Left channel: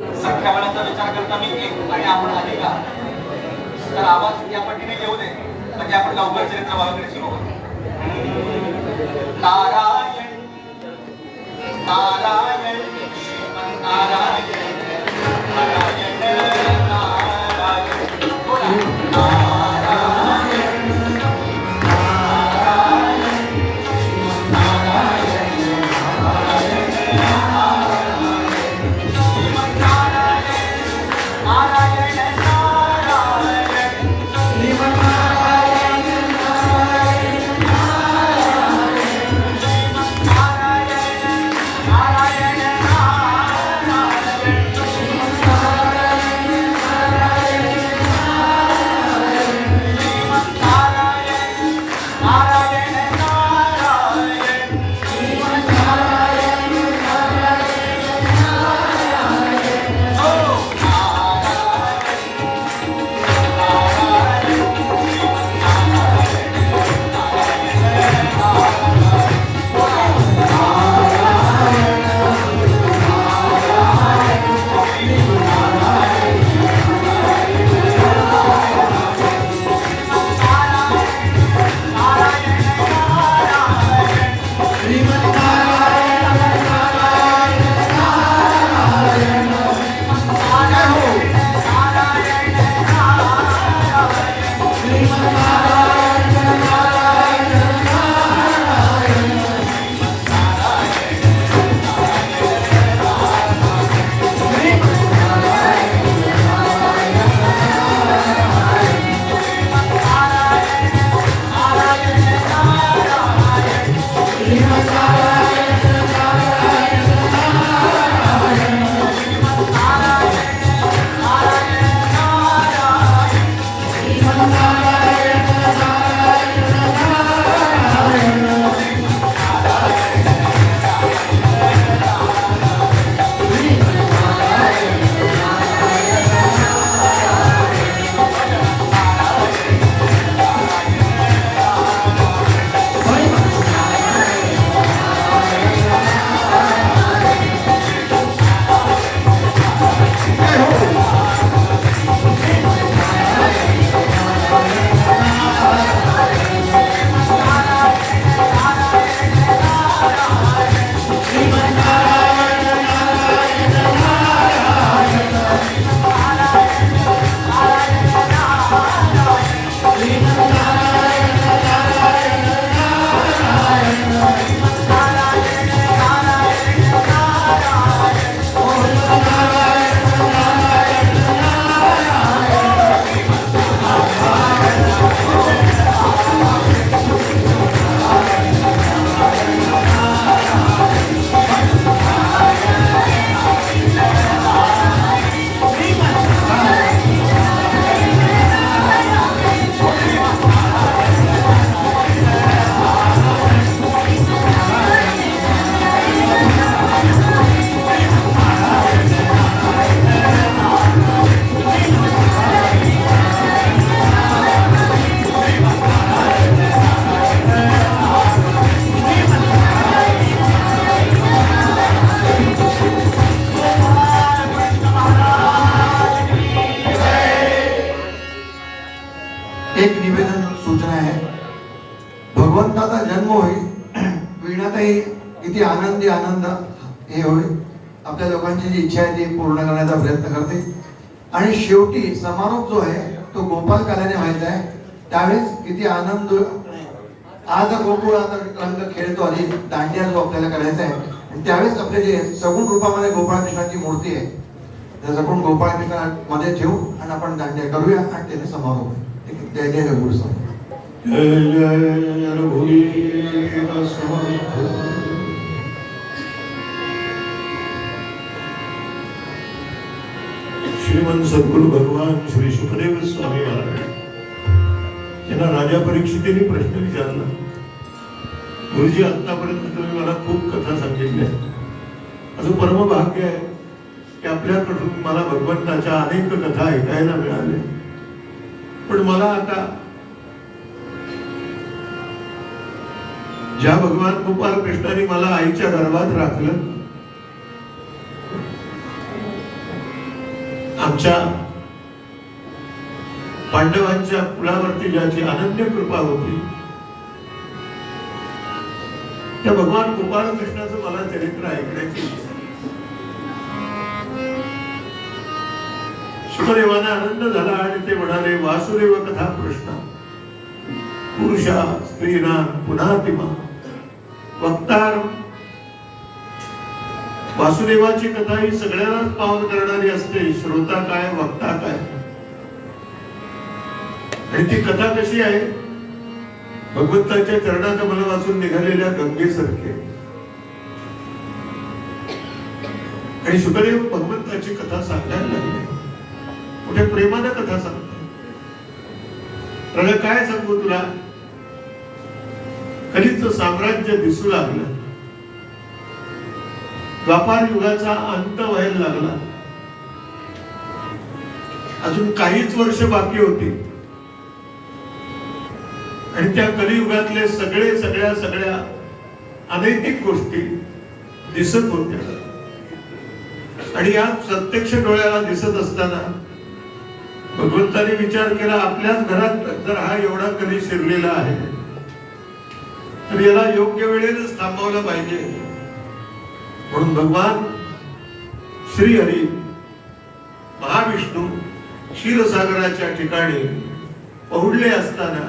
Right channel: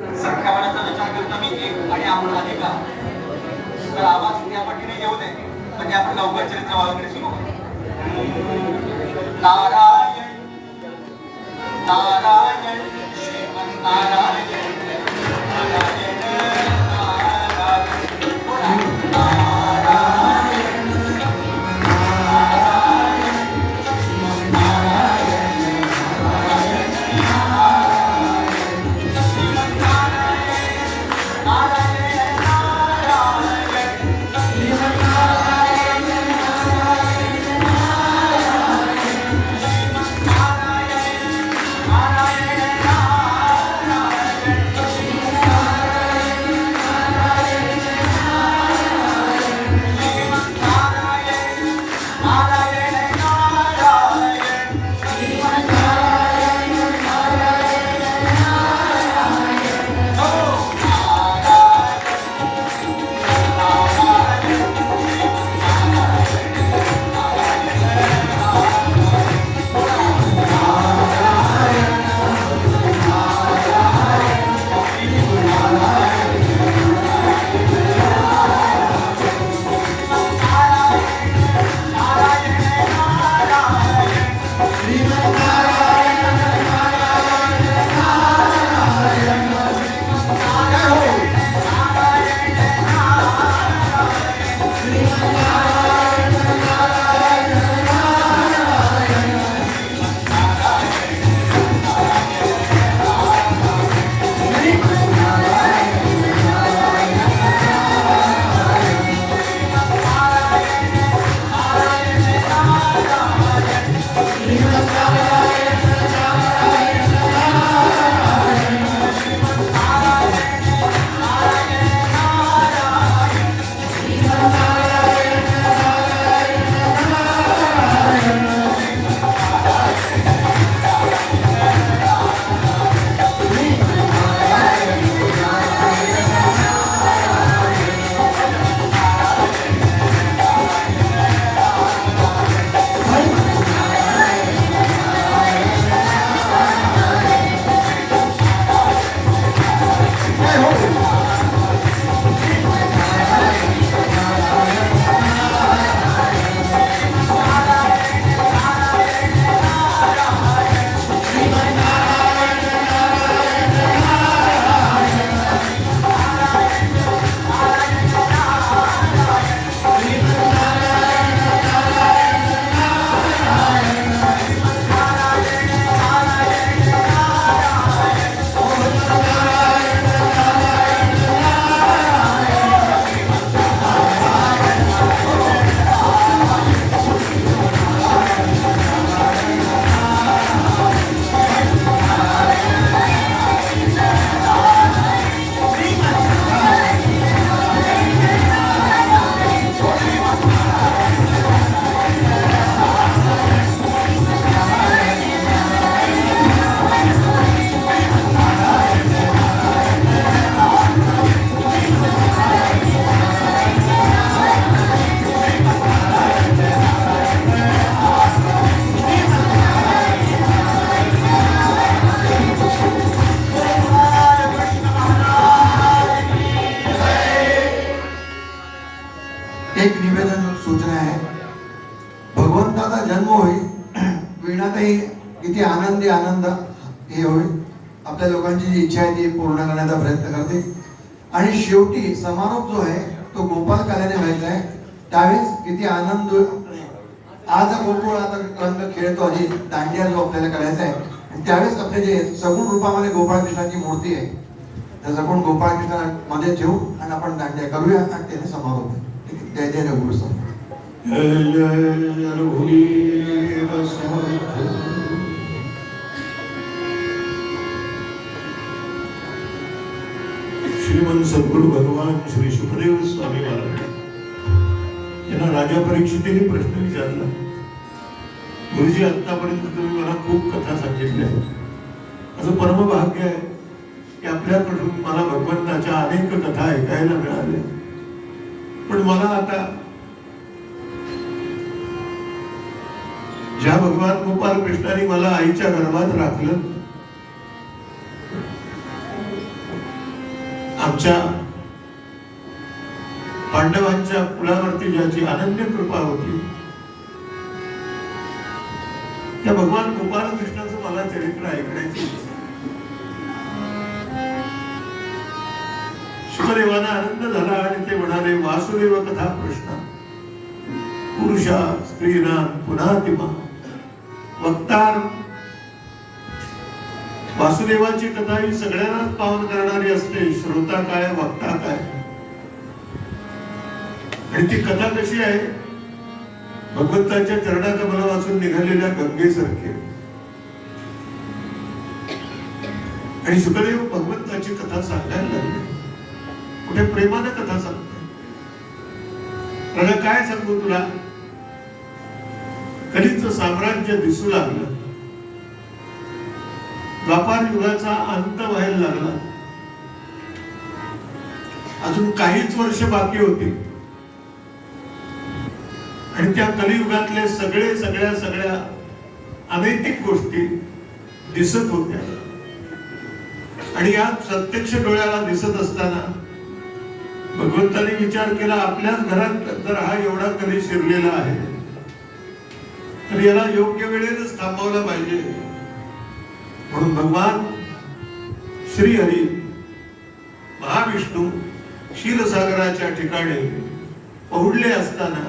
सख्यापणाचा विचार करता मी एक आणि आपण आहे का तर आवाज या पटीने येऊ नये म्हणजे आपण लवकर चरित्र वाचणे सुरू होतो. नारायण नारायण श्रीमन्नारायण नारायण नारायण बोला. एक निवेदन सूचना आहे. भगवंताचा जन्म होईल, वीणाताई किती आनंदी आनंद हे होईल, आपल्या लोकांची जी इच्छा आहे ती पूर्ण करण्याचा प्रयत्न करते. आणि शेवटी समारोप जो आहे तो गोपाल काल्याने व्हायचा आहे. त्यावेळेस किती आनंद, आज गोकुळाचा रंग खेळतो आणि दांडिया जो आपल्याला करायचा आहे, त्यावेळेस आपले जे सगुण रूपामध्ये गोपाळकृष्णाची मूर्ती आहे, त्या सगुण गोपाळकृष्णा मध्ये ठेवू आणि आपण दांडिया करूया आणि त्याने समारोप. जय जय रघुवीर समर्थ. जय जय रघुवीर समर्थ. श्रीमंत सद्गुरु भगवान श्री सुखदेव स्वामी महाराज यांना राजा परीक्षितीने प्रश्न विचारला, गुरुजी आतापर्यंत तुम्ही मला खूप कथा सांगितल्या, असं परमभाग्य आहे की आपल्याकडून मला भगवंताच्या अनेक कथा ऐकायला मिळाल्या. पण मला आता ज्या भगवान गोपाल कृष्णाने मला आईच्या गर्भात राखलं आमच्या पांडवांच्या कुळावरती ज्याची अनन्य कृपा होती त्या भगवान गोपाल कृष्णाचं मला चरित्र ऐकण्याची शुकदेवाला आनंद झाला आणि ते म्हणाले, वासुदेव कथा प्रश्न पुरुषा स्त्रीरान पुन्हा तिमा वक्तार. वासुदेवाची कथा ही सगळ्यांनाच पावन करणारी असते. श्रोता काय, वक्ता काय. आणि ती कथा कशी आहे? भगवंताच्या चरणाच्या मनापासून निघालेल्या गंगेसारखी. आणि शुकदेव भगवंताची कथा सांगायला लागले. कुठे प्रेमानं कथा सांगतो. काय सांगू तुला? कलीचं साम्राज्य दिसू लागलं. द्वापार युगाचा अंत व्हायला लागला. अजून काहीच वर्ष बाकी होती आणि त्या कलियुगातले सगळ्या अनैतिक गोष्टी दिसत होत्या. आणि या प्रत्यक्ष डोळ्याला दिसत असताना भगवंताने विचार केला, आपल्याच घरात जर हा एवढा कली शिरलेला आहे तर याला योग्य वेळेतच थांबवलं पाहिजे. म्हणून भगवान श्रीहरी महाविष्णू क्षीरसागराच्या ठिकाणी पोहोचले असताना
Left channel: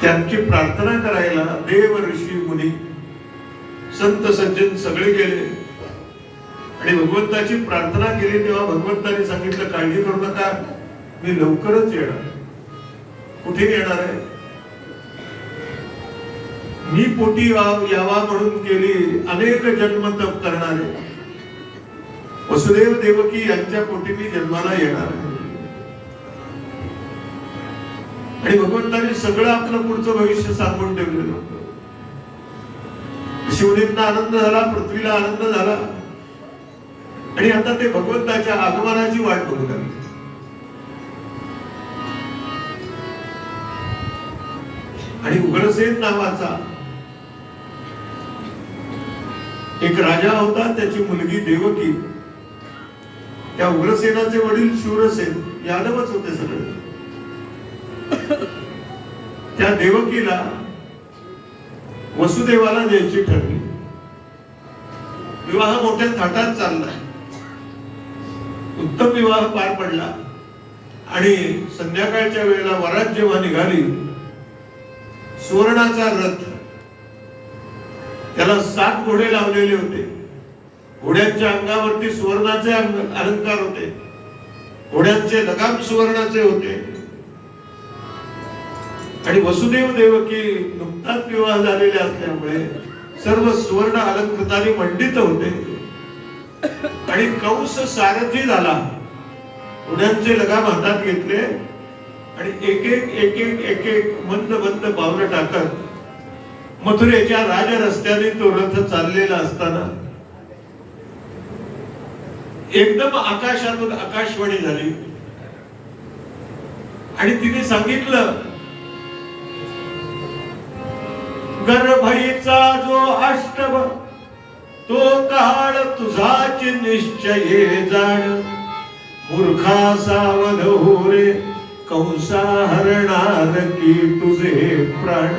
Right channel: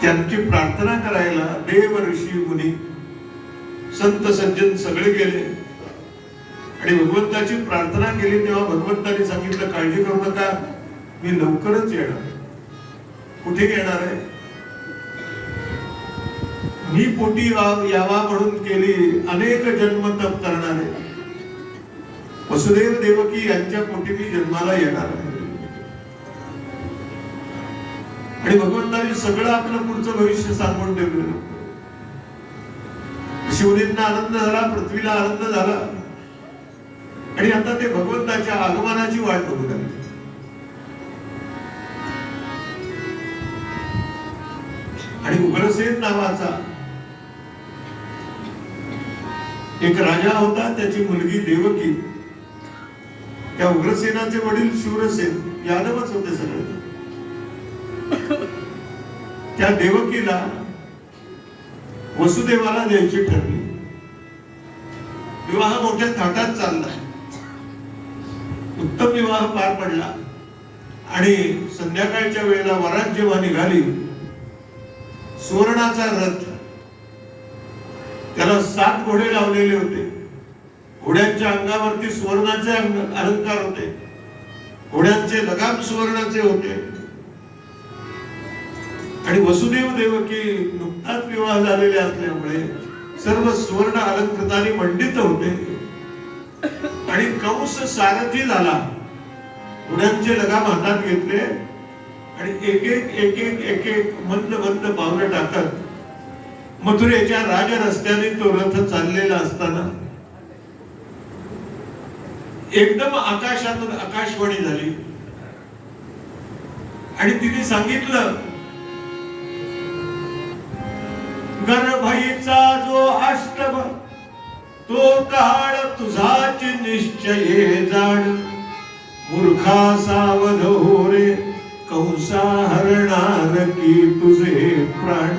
त्यांची प्रार्थना करायला देव ऋषी मुनी संत सज्जन सगळे गेले आणि भगवंताची प्रार्थना केली. तेव्हा भगवंताने सांगितलं, काळजी करू नका, मी लवकरच येणार. कुठे येणार आहे? मी पोटी यावा म्हणून केली अनेक जन्म तप करणारे वसुदेव देवकी यांच्या पोटी मी जन्माला येणार. आणि भगवंताने सगळं आपलं पुढचं भविष्य सांगून ठेवलेलं. शिवनेंना आनंद झाला, पृथ्वीला आनंद झाला आणि आता ते भगवंताच्या आगमनाची वाट बघू लागले. आणि उग्रसेन नावाचा एक राजा होता, त्याची मुलगी देवकी. त्या उग्रसेनाचे वडील शूरसेन यादवच होते सगळे. त्या देवकीला वसुदेवाला द्यायची ठरली. विवाह मोठ्या थाटात चालला. उत्तम विवाह पार पडला आणि संध्याकाळच्या वेळेला वरात जेव्हा निघाली, सुवर्णाचा रथ, त्याला 7 घोडे लावलेले होते. घोड्यांच्या अंगावरती सुवर्णाचे अलंकार होते. घोड्यांचे लगाम सुवर्णाचे होते. आणि वसुदेव देवकी नुकताच विवाह झालेले असल्यामुळे सर्व सुवर्ण अलंकृताने मंडित होते. आणि कंस सारथी झाला. घोड्यांचे लगाम हातात घेतले आणि एक एक मंद पावलं टाकत मथुरेच्या राज रस्त्याने तो रथ चाललेला असताना एकदम आकाशातून आकाशवाणी झाली आणि तिने सांगितलं, गर्भईचा जो अष्टभ तो काळ तुझाच निश्चये जाण. मूर्खा सावध हो रे, कंसा हरणार की तुझे प्राण.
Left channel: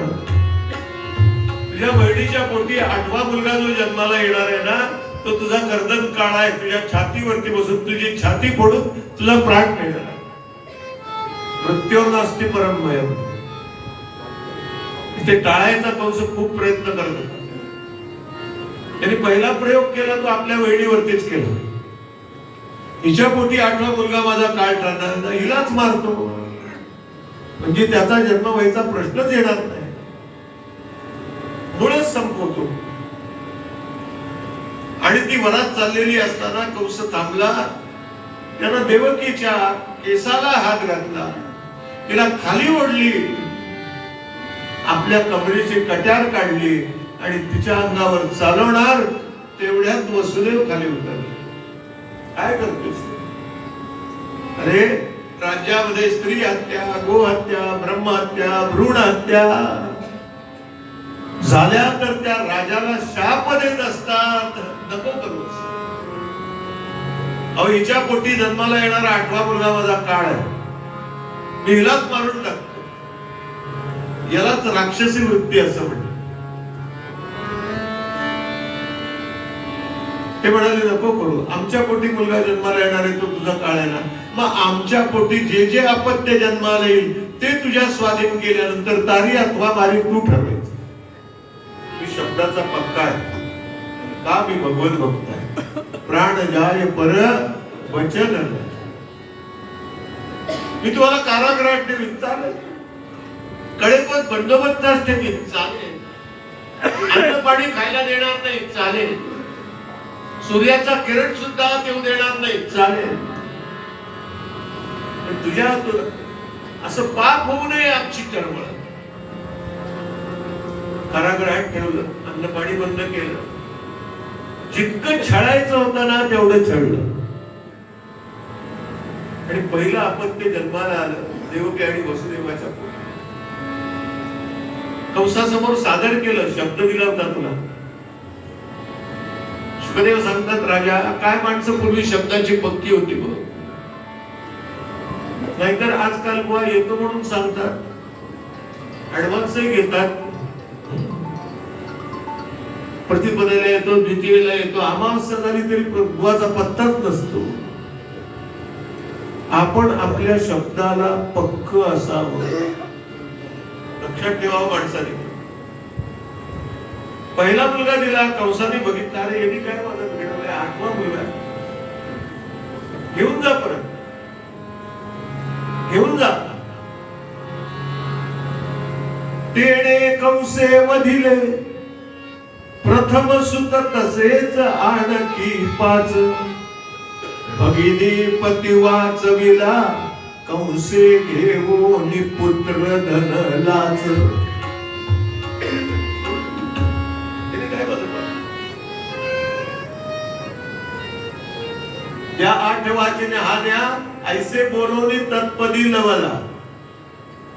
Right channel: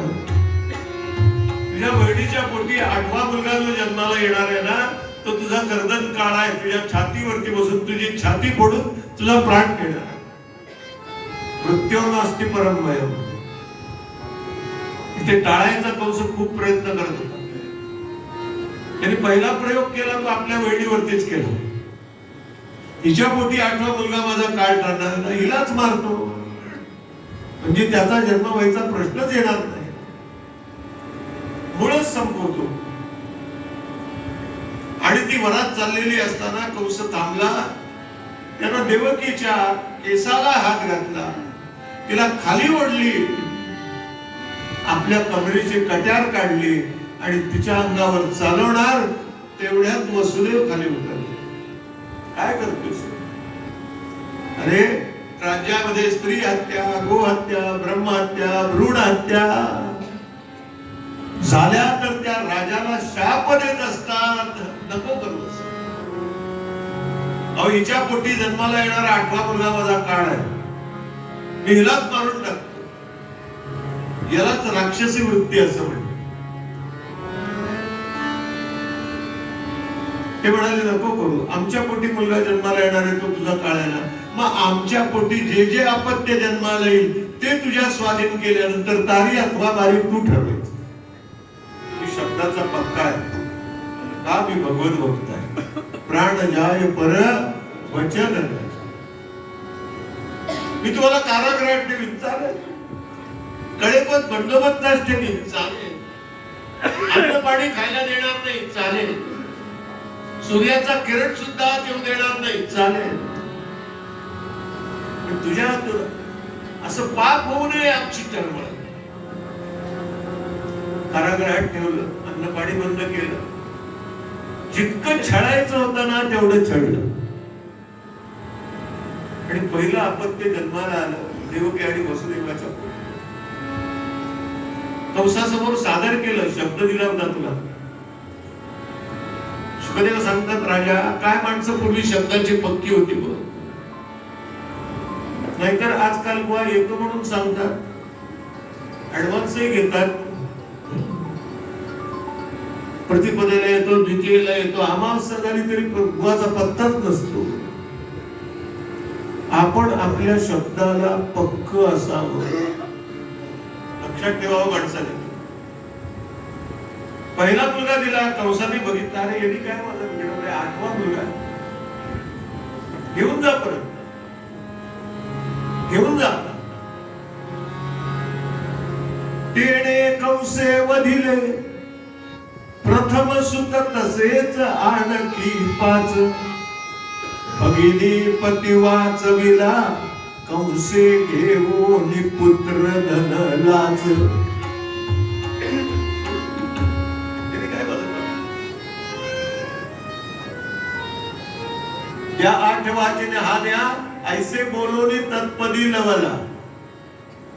तुझ्या बहिणीच्या पोटी 8वा मुलगा जो जन्माला येणार आहे ना, तो तुझा गर्दन काळा आहे. तुझ्या छातीवरती बसून तुझी छाती फोडून तुझा प्राण घेणार. मृत्योर्न अस्ति परम भयम. ते टाळायचा कंस खूप प्रयत्न करत होता. त्याने पहिला प्रयोग केला तो आपल्या बहिणीवरतीच केला. हिच्या पोटी 8वा मुलगा माझा काय ठरणार ना, हिलाच मारतो म्हणजे त्याचा जन्म व्हायचा प्रश्नच येणार नाही. मुळच संपवतो. आणि ती वरात चाललेली असताना कंस थांबला. त्यानं देवकीच्या केसाला हात घातला, तिला खाली ओढली, आपल्या कमरेची कट्यार काढली आणि तिच्या अंगावर चालवणार तेवढ्यात वसुदेव खाली उतरले. काय करतोस? अरे राज्यामध्ये स्त्री हत्या, गोहत्या, ब्रह्महत्या, भ्रूण हत्या झाल्या तर त्या राजाला शाप देत असतात. नको करूस. अहो हिच्या पोटी जन्माला येणारा 8वा मुलगा माझा काळ आहे, मी हिलाच मारून टाकतो. यालाच राक्षसी वृत्ती असं म्हणतात. ते म्हणाले नको करू, आमच्या पोटी मुलगा जन्माला येणार आहे तो तुझा काळ आहे ना, मग आमच्या पोटी जे जे अपत्य जन्माला येईल ते तुझ्या स्वाधीन केल्यानंतर तारी अथवा बारी तू ठरवायचं. मी शब्दाचा पक्का आहे का, मी भगवत भक्त आहे. प्राण जाय पर वचन, मी तुम्हाला कारागृहात ठेवीन चालेल, कळेपत बंदोबस्तात ठेवीन चालेल, अन्न पाणी खायला देणार नाही चालेल, सूर्याचा किरण सुद्धा येऊ देणार नाही चालेल, तुझ्या असं पाप होऊ नये आमची तळमळ. कारागृहात ठेवलं, अन्न पाणी बंद केलं, जितकं छळायचं होतं ना तेवढं छळलं. आणि पहिलं अपत्य जन्माला आलं देवकी आणि वसुदेवाच्या पोटी. कंसासमोर सादर केलं, शब्द दिला होता तुला. सुखदेव सांगतात राजा, काय माणसं पूर्वी शब्दाची पक्की होती बघ, नाहीतर आजकाल बुवा येतो म्हणून सांगतात, ऍडव्हान्सही घेतात, प्रतिपदेला येतो, द्वितीयेला येतो, अमावस्या झाली तरी बुवाचा पत्ताच नसतो. आपण आपल्या शब्दाला पक्क असावं, लक्षात ठेवावं माणसाने. पहिला मुलगा दिला, कंसाने बघितला, अरे यांनी काय माझं मिळवलंय, 8वा मुलगा घेऊन जा, परत घेऊन जा. तेणे कंसे वधिले प्रथम सुत तसेच आणखी 5, भगिनी पती वाचविला कंसे घेऊन पुत्र धनलाच. त्या 8 वाचीने हान्या ऐसे बोलवणी तत्पदी लवला.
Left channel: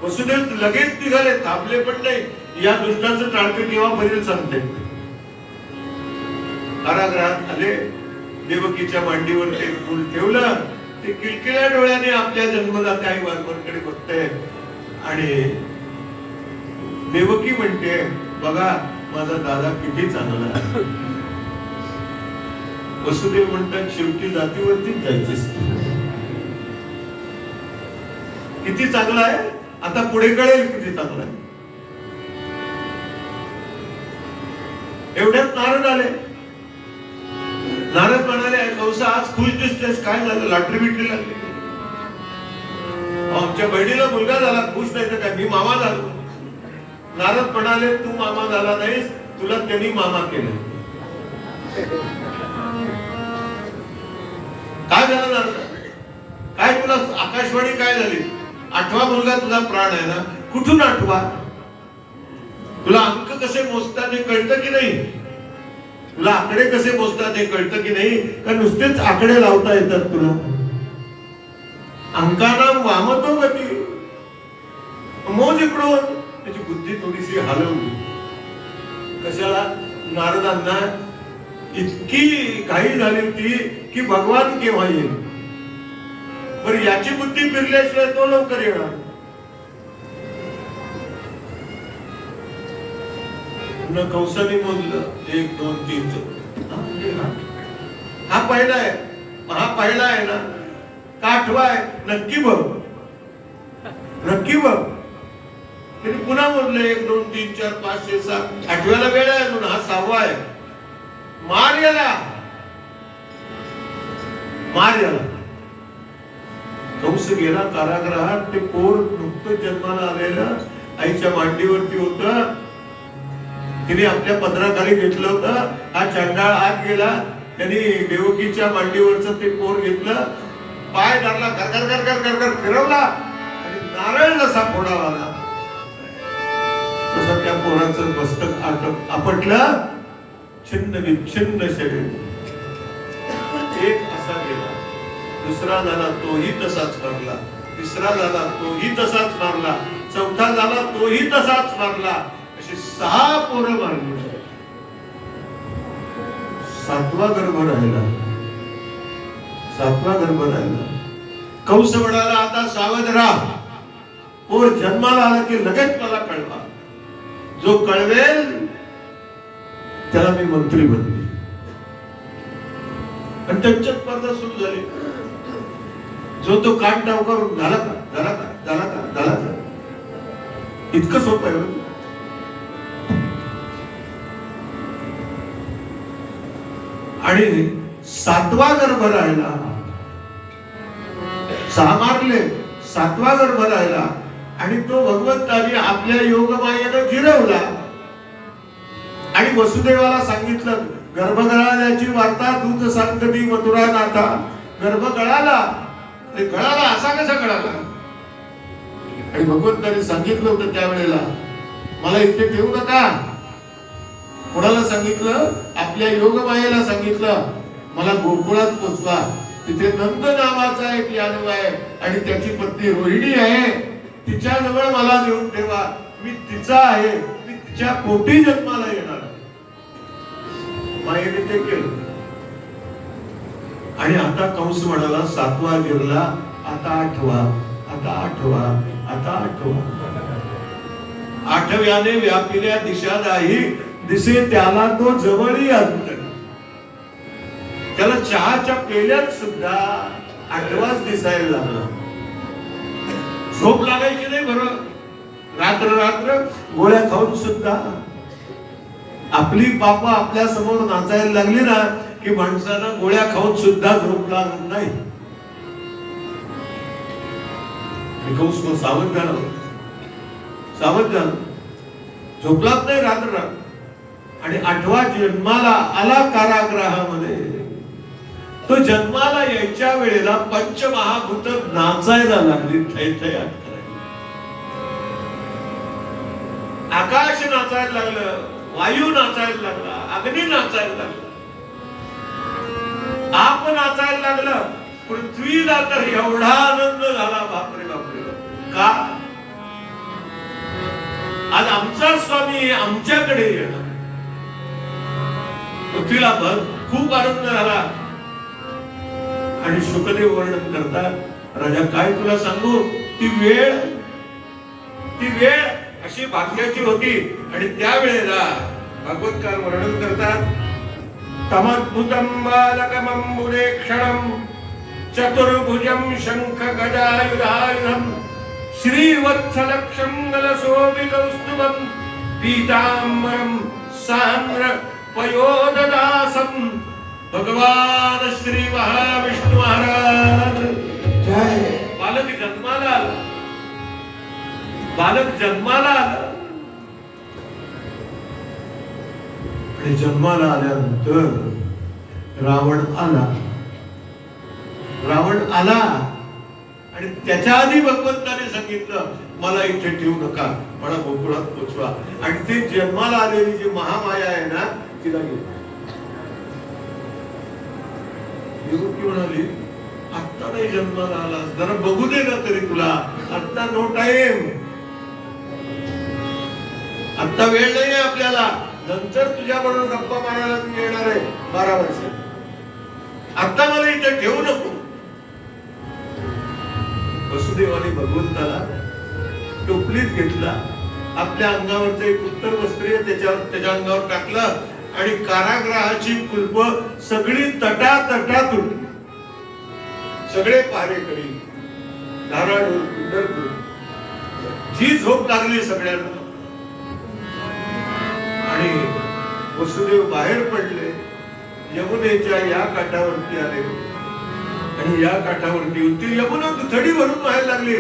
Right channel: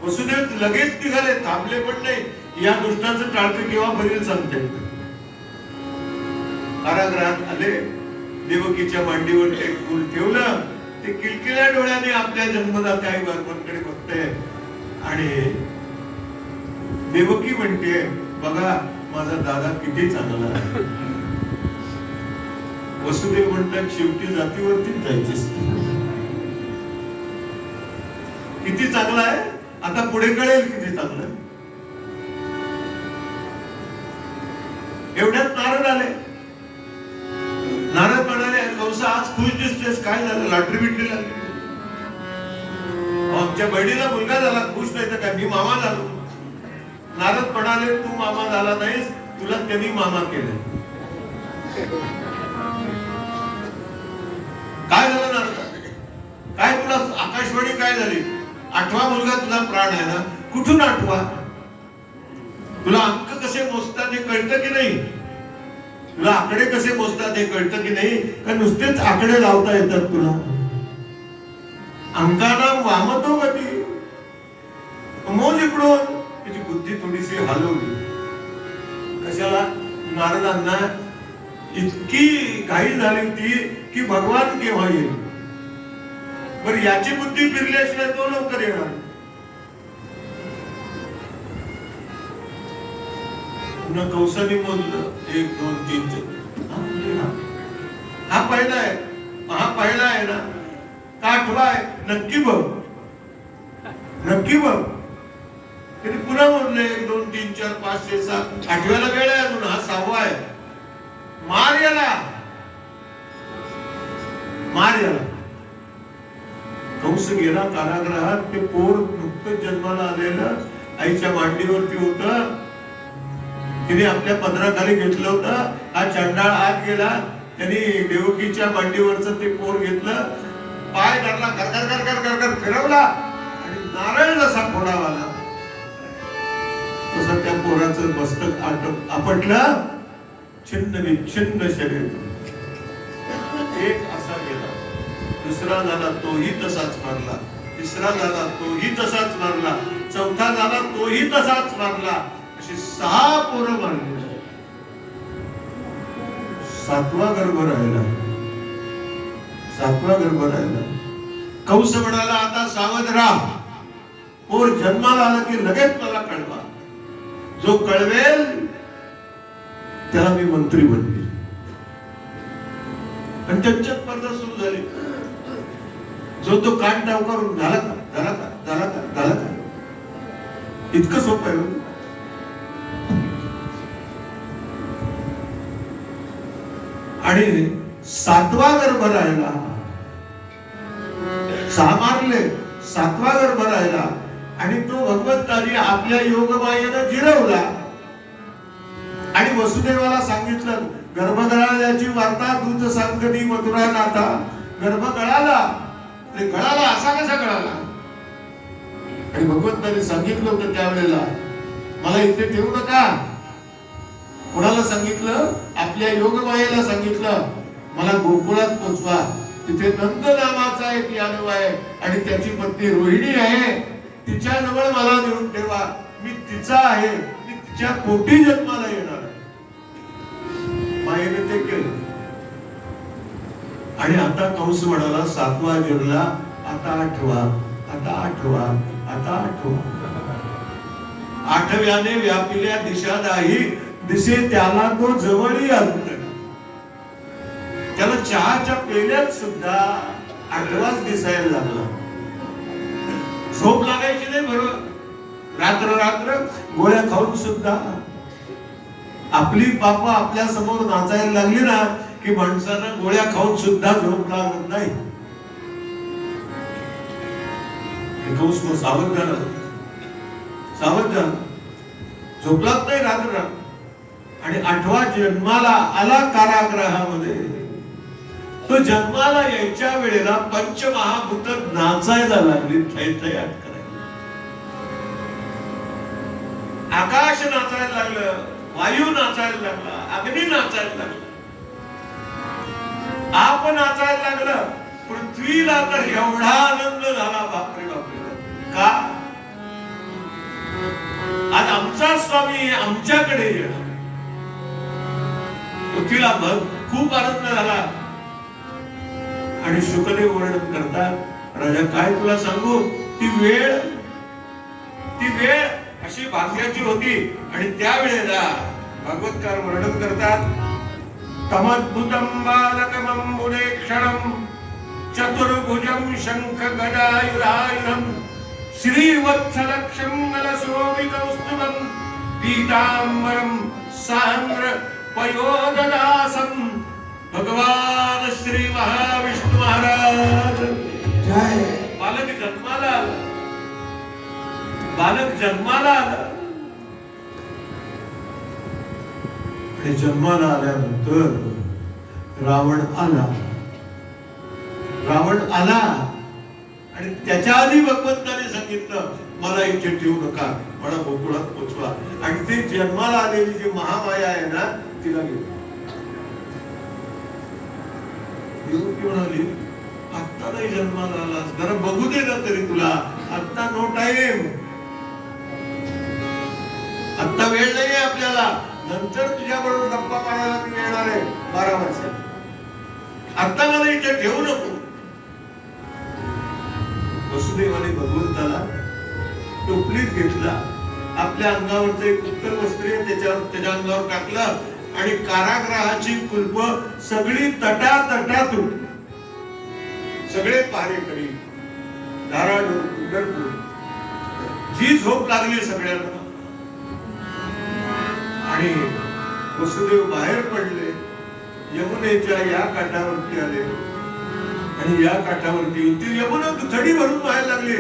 वसुदेव लगेच निघाले, थांबले पण नाही. या दुष्टाचं टाळकं केव्हा भरेल सांगते. कारागृहात आले, देवकीच्या मांडीवर एक फूल ठेवलं, ते किलकिल्या डोळ्याने आपल्या जन्मदात्या बालपणकडे बघते आणि देवकी म्हणते, बघा माझा दादा किती चांगला आहे. वसुदेव म्हणतात, शेवटी जातीवरतीच जायचं किती चांगला आहे, आता पुढे कळेल किती चांगला आहे. एवढ्यात नारद आले. नारद म्हणाले, कंसा आज खुश दिसतेस, काय झालं, लॉटरी बिटरी लागली? आमच्या बहिणीला मुलगा झाला, खुश नाही तर काय, मी मामा झालो. नारद म्हणाले, तू मामा झाला नाहीस, तुला त्यांनी मामा केलं. काय झालं नारद, काय तुला आकाशवाणी काय झाली? 8वा मुलगा तुझा प्राण आहे ना, कुठून 8वा? तुला अंक कसे मोजतात हे कळतं की नाही? तुला आकडे कसे मोजतात हे कळतं की नाही? का नुसतेच आकडे लावता येतात तुला? अंकाना वामतो गती, मोज इकडून. त्याची बुद्धी थोडीशी हलवली. कशाला? नारदांना इतकी घाई झाली ती की भगवान केव्हा येईल. बरं, याची बुद्धी फिरल्याशिवाय तो लवकर येणार. कंसाने मोजलं 1 2 3 हा पहिला आहे, हा पहिला आहे ना का 8वा आहे? नक्की बघ, नक्की बघ. त्यांनी पुन्हा मोजलं 1 2 3 4 5 6 7, 8व्याला वेळ आहे म्हणून हा 6वा आहे. मार याला, मार याला. कंस गेला कारागृहात. ते पोर नुकतं जन्माला आलेलं आईच्या मांडीवरती होतं. तिने आपल्या पदराखाली घेतलं होतं. हा चंडाळ आत गेला, त्यांनी देवकीच्या मांडीवरचं ते पोर घेतलं, पाय धरला, कर कर कर कर कर फिरवला आणि नारळ जसा फोडावाला तसं त्या पोराचं मस्तक आपटलं. छिन्न विच्छिन्न शरीर. एक असा गेला, दुसरा झाला तोही तसाच मारला, तिसरा झाला तोही तसाच मारला, चौथा झाला तोही तसाच मारला. अशी 6 पोरं मारली. 7वा गर्भ राहिला. सातवा गर्भ राहिला. कंस म्हणाला आता सावध राहा, पोर जन्माला आला की लगेच मला कळवा, जो कळवेल त्याला मी मंत्री बनले. आणि त्यांच्यात स्पर्धा सुरू झाली. जो तो कान टाव करून झाला का झाला का झाला का झाला का, इतकं सोपं आहे. आणि सातवा गर्भ राहिला, सहा मारले, सातवा गर्भ राहिला आणि तो भगवंताने आपल्या योगमायेनं जिरवला. आणि वसुदेवाला सांगितलं, गर्भ गळाल्याची वार्ता दूत सांगती मथुरा नाथा. गर्भ गळाला, गळाला असा कसा गळाला? आणि भगवंताने सांगितलं होतं त्यावेळेला, मला इथे ठेवू नका. कोणाला सांगितलं? आपल्या योगमायेला सांगितलं, मला गोकुळात पोचवा. तिथे नंद नावाचा एक यादव आहे आणि त्याची पत्नी रोहिणी आहे, तिच्या जवळ मला देऊन ठेवा. मी तिचा आहे, मी तिच्या पोटी जन्माला येणार. मायेने ते केलं. आणि आता कंस म्हणाला, सातवा गिरला, आता आठवा, आता आठवा, आता आठवा. आठव्याने व्यापिल्या दिशा नाही, दिसे त्याला तो जवळी अंतर. त्याला चहाच्या पेल्यात सुद्धा आठवाच दिसायला लागला. झोप लागायची नाही बरोबर. रात्र रात्र गोळ्या खाऊन सुद्धा आपली पाप आपल्या समोर नाचायला लागली ना की माणसानं गोळ्या खाऊन सुद्धा झोप लागत नाही. सावध झाला, सावध झाला, झोपलाच नाही रात्र. आणि आठवा जन्माला आला कारागृहामध्ये. तो जन्माला यायच्या वेळेला पंचमहाभूत नाचायला लागली, थैथयात करायला. आकाश नाचायला लागलं, वायू नाचायला लागला, अग्नी नाचायला लागला, आप नाचायला लागलं. पृथ्वीला तर एवढा आनंद झाला, बापरे बापरे. का? आज आमचा स्वामी आमच्याकडे येणार. पृथ्वीला खूप आनंद झाला. आणि शुकदेव वर्णन करतात, राजा काय तुला सांगू, ती वेळ अशी भाग्याची होती. आणि त्यावेळेला भगवतकार वर्णन करतात, तमद्भुतं बालकमं मुनेक्षणं चतुर्भुजं शंख गदायुधायुधं श्रीवत्सलक्षं गलशोभिकौस्तुभं पीताम्बरं सान्द्र पयोददासं. भगवान श्री महाविष्णू महाराज जय. बालक जन्माला आला, बालक जन्माला आला. आणि जन्माला आल्यानंतर रावण आला, रावण आला. आणि त्याच्या आधी भगवंताने सांगितलं, मला इथे ठेवू नका, मला गोकुळात पोचवा. आणि ते जन्माला आलेली जी महामाया आहे ना, तिला घेऊ. म्हणाली, आत्ता नाही जन्माला आलास, जरा बघू दे ना तरी तुला, आत्ता नो टाइम, आत्ता वेळ नाही आपल्याला, नंतर तुझ्या बरोबर गप्पा मारायला मी येणार आहे 12 वर्ष, आता मला इथे ठेवू नको. वसुदेवाने भगवंताला टोपलीत घेतला, आपल्या अंगावरचं एक उत्तर वस्त्र त्याच्या अंगावर टाकलं आणि कारागृहाची कुलप सगळी तटातटातून सगळे पहारेकरी धाराडू जी झोप लागली सगळ्यांना. आणि वसुदेव बाहेर पडले, यमुनेच्या या काठावरती आले. आणि या काठावरती होती यमुना दुथडी भरून व्हायला लागली.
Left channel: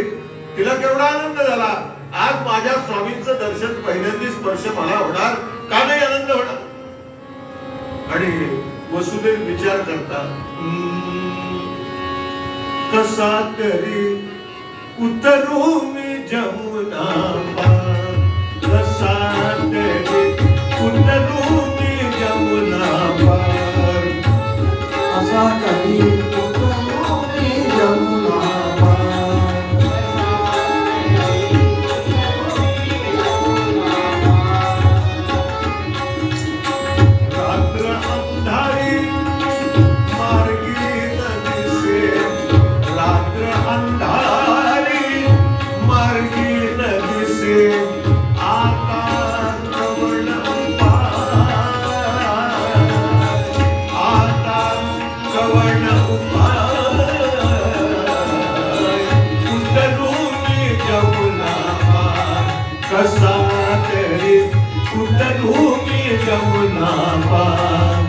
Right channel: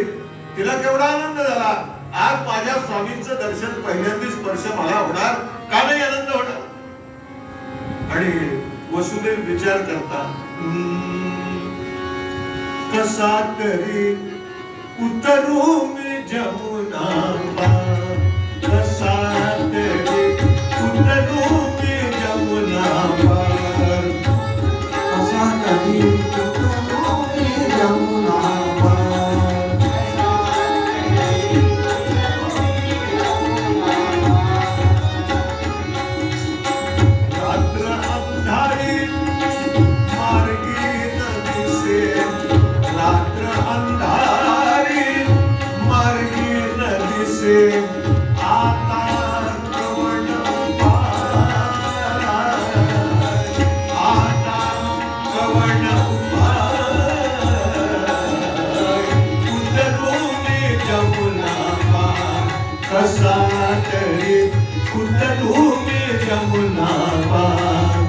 तिला केवढा आनंद झाला, आज माझ्या स्वामींचं दर्शन पहिल्यांदा स्पर्श मला होणार, का नाही आनंद होणार. आणि वसुदेव विचार करतात, कसा तरी उतरू मी जमुना, कसा तरी उतरू मी जमुना, कसा तरी उतरू मी जमुना. रात्र अंधारी मार्गी न दिसे तरी कुठून यमुना पार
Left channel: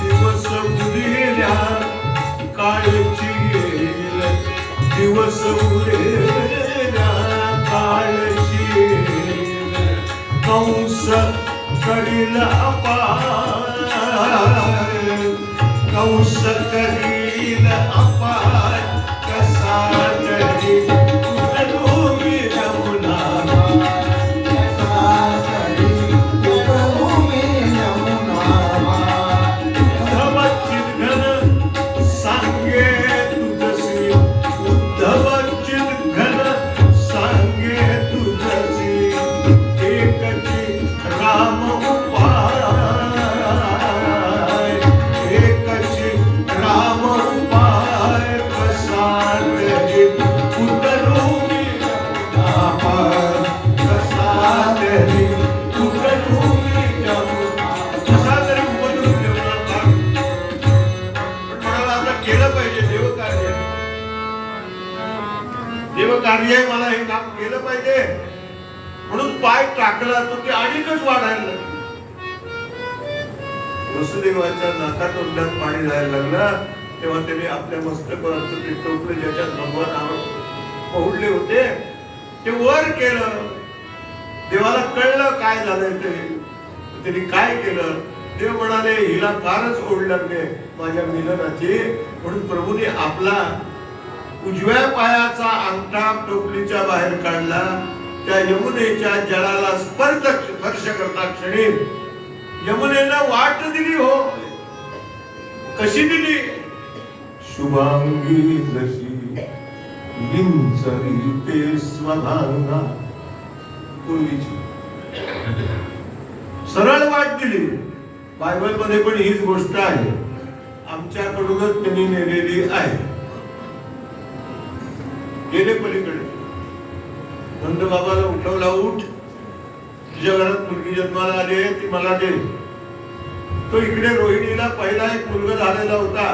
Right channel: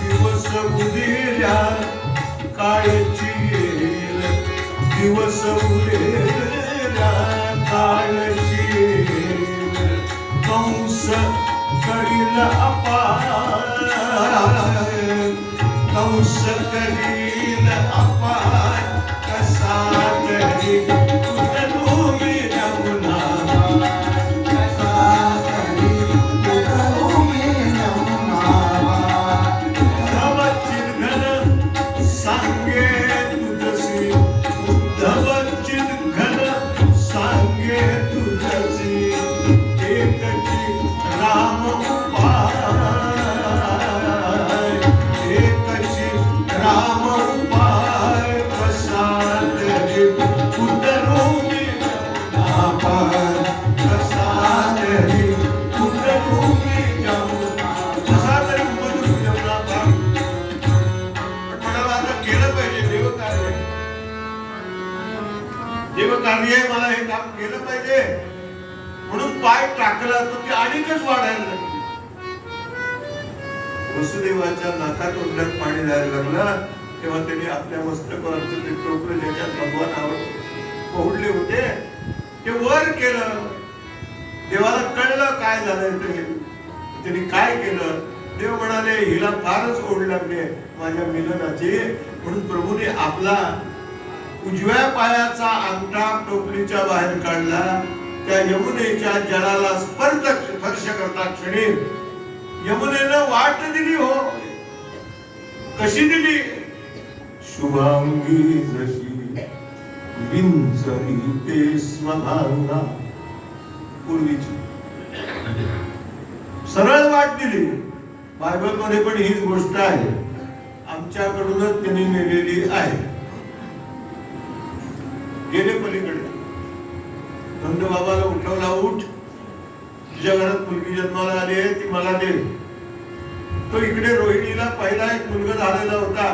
दिवस उदेल्या काळची येईल दिवस उदेल्या काळची येईल कंस करील अपार कंस करील अपार कसा तरी कुठून यमुना देवकार्य मला हे काम केलं पाहिजे म्हणून पाय टाकला तर ते अधिकच वाढायला लागले. वसुदेवाच्या नाकात तोंडात पाणी जायला लागलं तेव्हा त्याने आपल्या मस्तकावरचं ते टोपलं ज्याच्यात भगवान पहुडले होते ते वर केलं. देवाला कळलं काय झालंय ते. त्यांनी काय केलं. देव म्हणाले हिला फारच ओढ लागली माझ्या मिलनाची म्हणून प्रभूने आपला उजव्या पायाचा अंगठा टोपलीच्या बाहेर काढला. त्या यमुनेच्या जलाला स्पर्श करता क्षणी यमुनेनं वाट दिली. हो कशी दिली. शुभांगी जशी विंचरी ते स्वभांगा पूर्वीची सरळ वाट दिली. बायबल मध्ये पण हीच गोष्ट आहे. आमच्याकडूनच त्यांनी नेलेली आहे. गेले पलीकडे. नंद बाबाला उठवला. उठ तुझ्या घरात मुलगी जन्माला आली आहे ती मला दे. तो इकडे रोहिणीला पहिला एक मुलगा झालेला होता.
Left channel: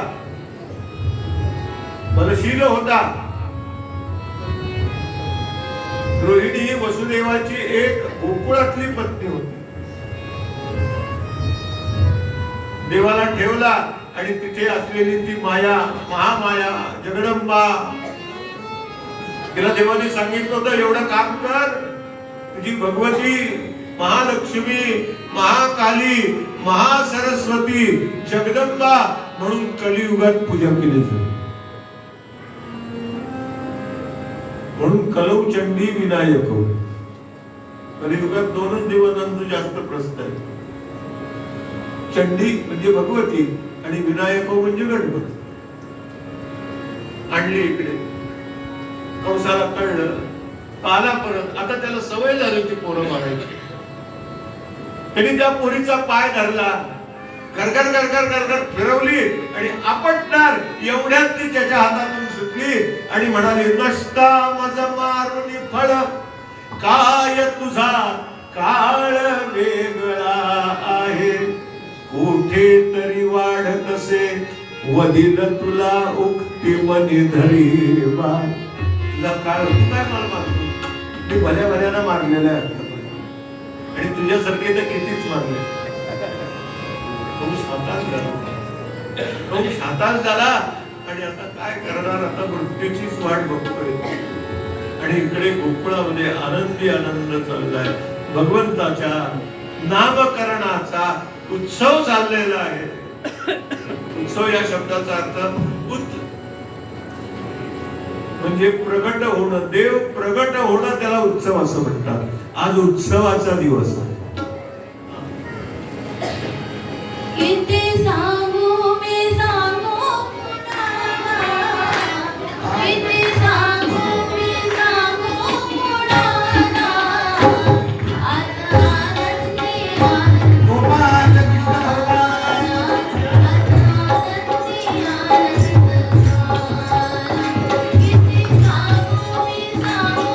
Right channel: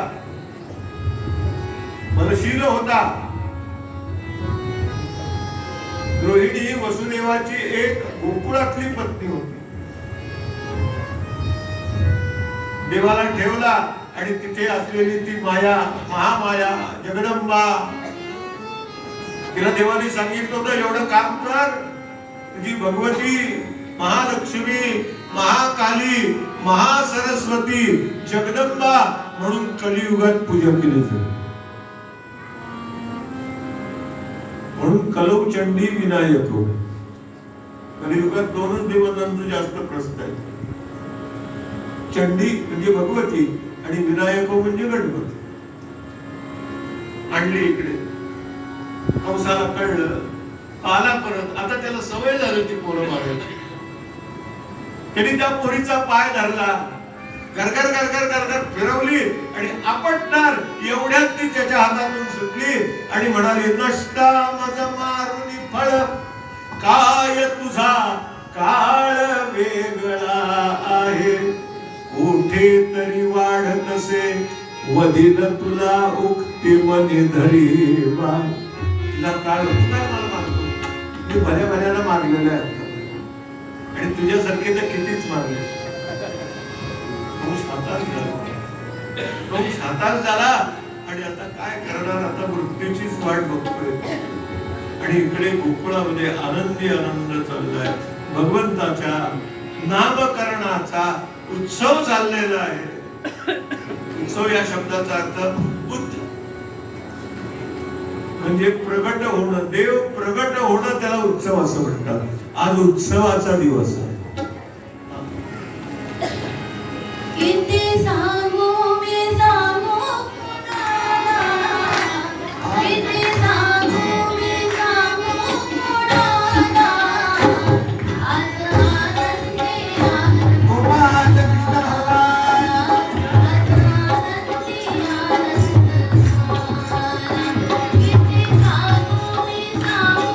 बलशील होता. रोहिणी वसुदेवाची एक गोकुळातली पत्नी होती. देवाला ठेवला आणि तिथे असलेली ती माया महामाया जगदंबा तिला देवाने सांगितलं होतं एवढं काम कर. तुझी भगवती महालक्ष्मी महाकाली महासरस्वती जगदंबा म्हणून कलियुगात पूजा केली जाते. म्हणून कलौ चंडी विनायक. कलियुगात दोनच देवतांचं जास्त प्रसिद्ध आहे. चंडी म्हणजे भगवती आणि विनायक म्हणजे गणपती. आणली इकडे. कंसाला कळलं. आला परत. आता त्याला सवय झाली होती पोरं मारायची. त्यांनी त्या पोरीचा पाय धरला. गरगर गरगर गरगर फिरवली आणि आपटणार एवढ्यात ती त्याच्या हातातून सुटली आणि म्हणाली नष्टा मज मारून फळ काय तुझा काळ वेगळा आहे. कुठे तरी वाढत असे वदिन तुला उक्ती मनी धरी बा. तुला काळ तू काय मला मारतो. मी भल्या भल्याला मारलेला आहे आणि तुझ्यासारखे तर कितीच मारले. कंस हातात झाला आणि आता काय करणार. आता मृत्यूचीच वाट बघतोय. आणि इकडे गोकुळामध्ये आनंदी आनंद चाललाय. भगवंताच्या नामकरणाचा उत्सव चाललेला आहे. उत्सव या शब्दाचा अर्थ म्हणजे प्रगट होणं. देव प्रगट होणं त्याला उत्सव असं म्हणतात. आज उत्सवाचा दिवस आहे. किती सांगू मी सांगू किती सांगू मी सांगू आज आनंदी किती सांगू मी सांगू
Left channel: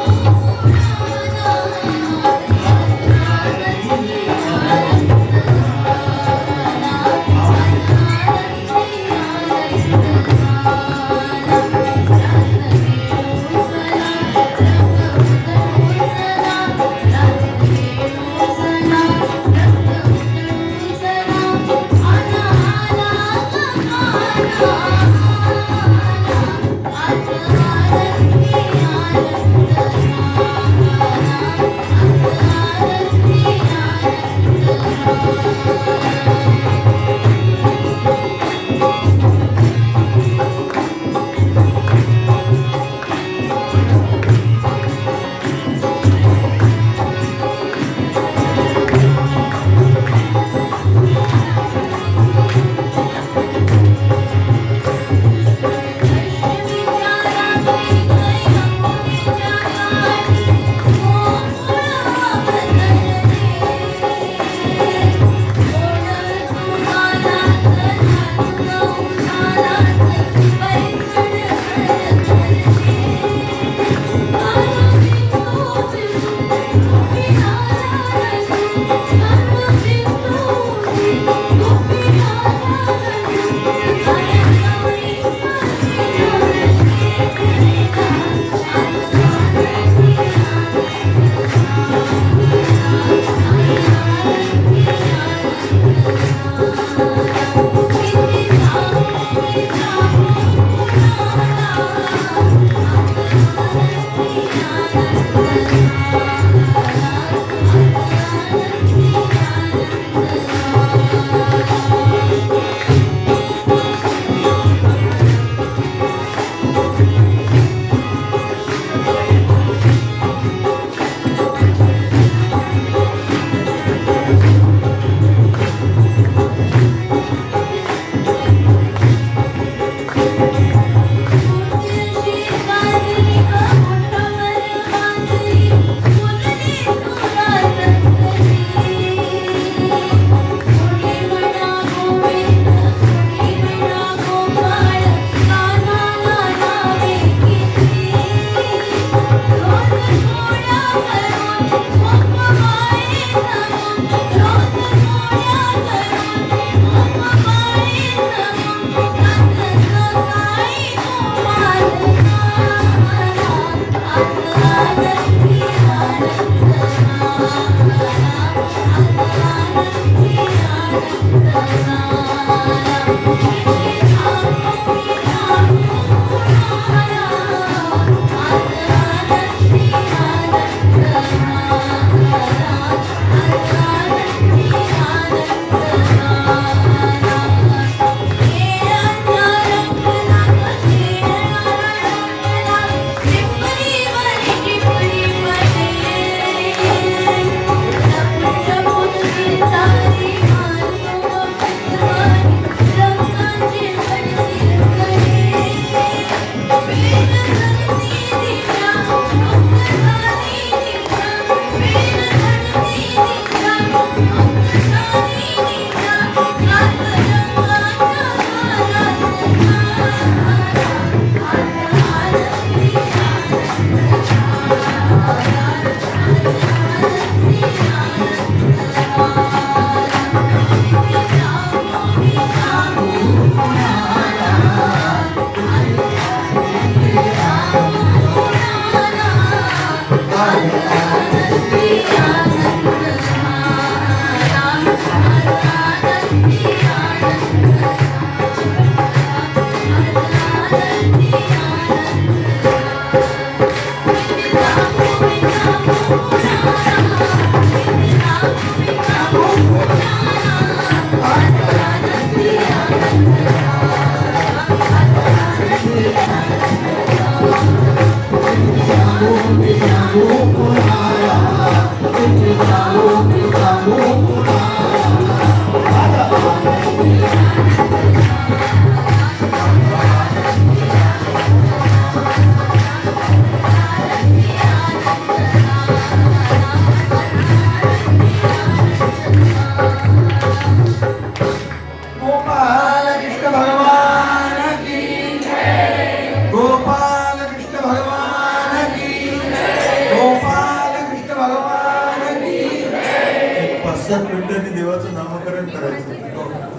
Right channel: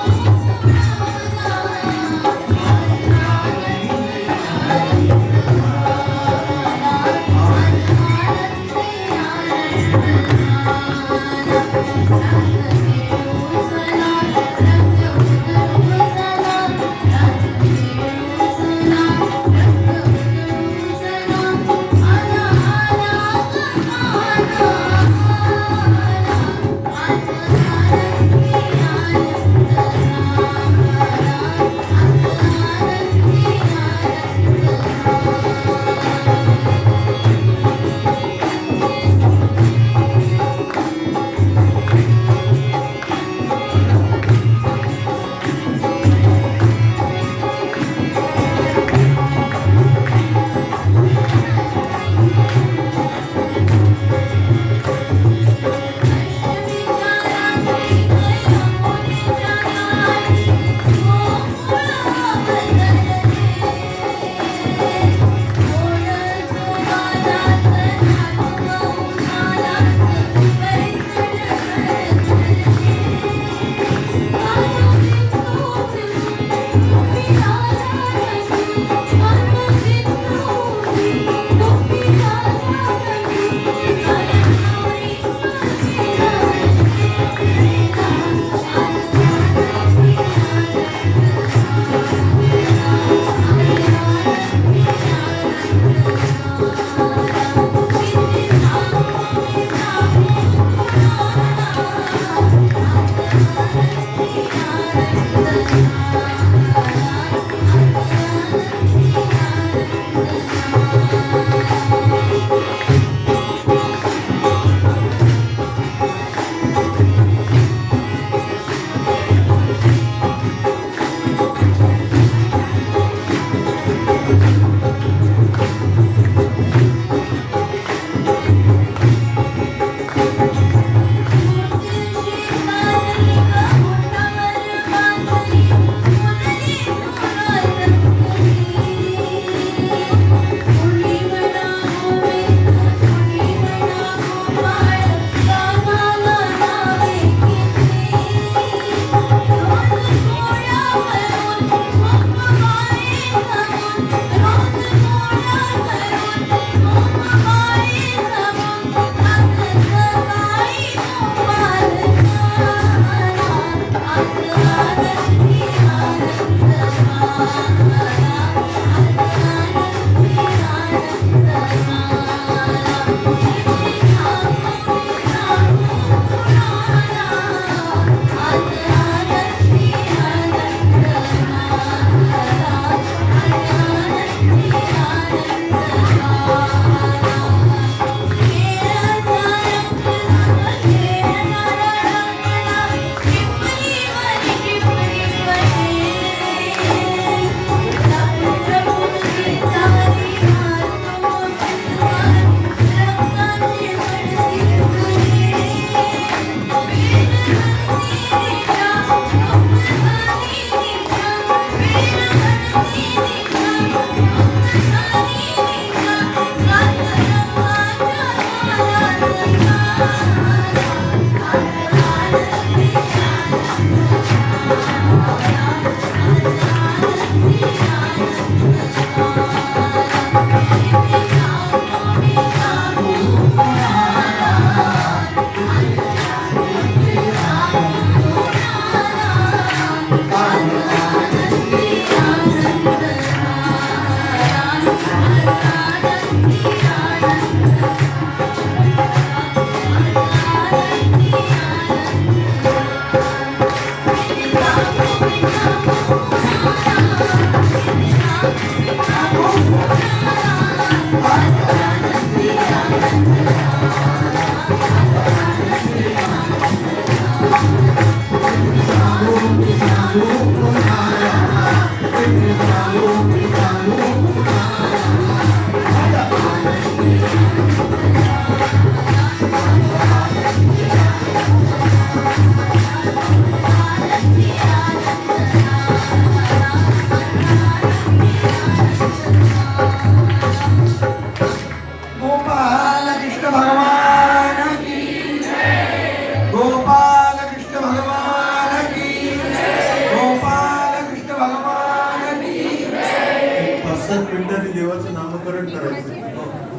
करायचं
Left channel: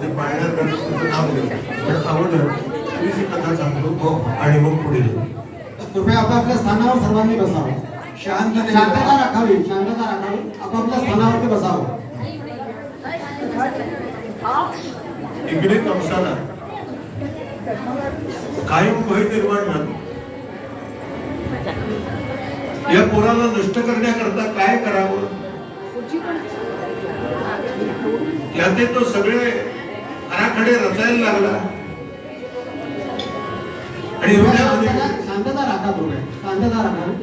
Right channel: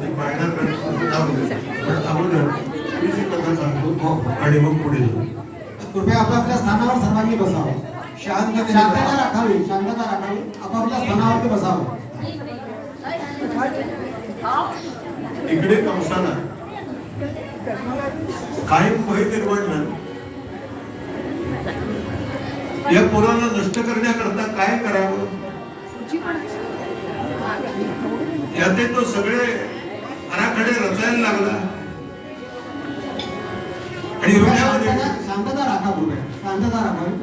ते पाळण्यात गणपतीचं नाव घ्यायचं. पण अगोदर थोडीशी कथा सांगतो आणि मग पुढे जाऊ. कृपया आपापल्या स्थानावर सर्वांनी बसावे. शांततेने शांतता राखावी, शांतता राखावी. आपापल्या स्थानावरती बसावं. इकडे कंसाला कायम भय निर्माण झालं. या पोराला नष्ट करण्याकरता काय करावं याचे तो सगळे आराखडे रचायला लागला. आणि एवढ्यामध्ये शांतता राखा कृपया, शांतता राखावी.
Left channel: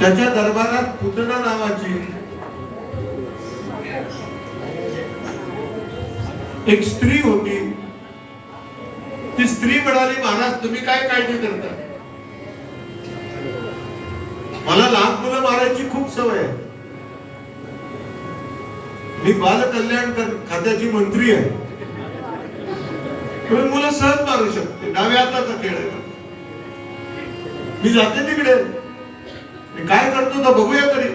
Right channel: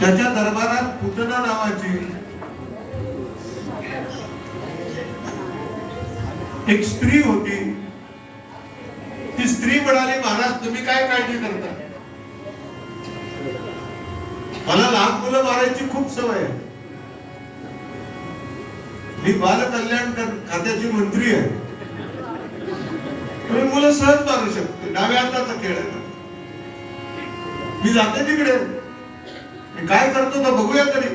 त्याच्या दरबारात पूतना नावाची एक स्त्री होती. ती स्त्री म्हणाली, महाराज तुम्ही काय काळजी करता? मला लहान मुलं मारायची खूप सवय आहे. मी बाल कल्याण खात्याची मंत्री आहे. तुम्ही मुलं सहज मारू शकते. डाव्या हाताचा खेळ आहे. मी जाते तिकडे. मी काय करतो तर बघूया तरी.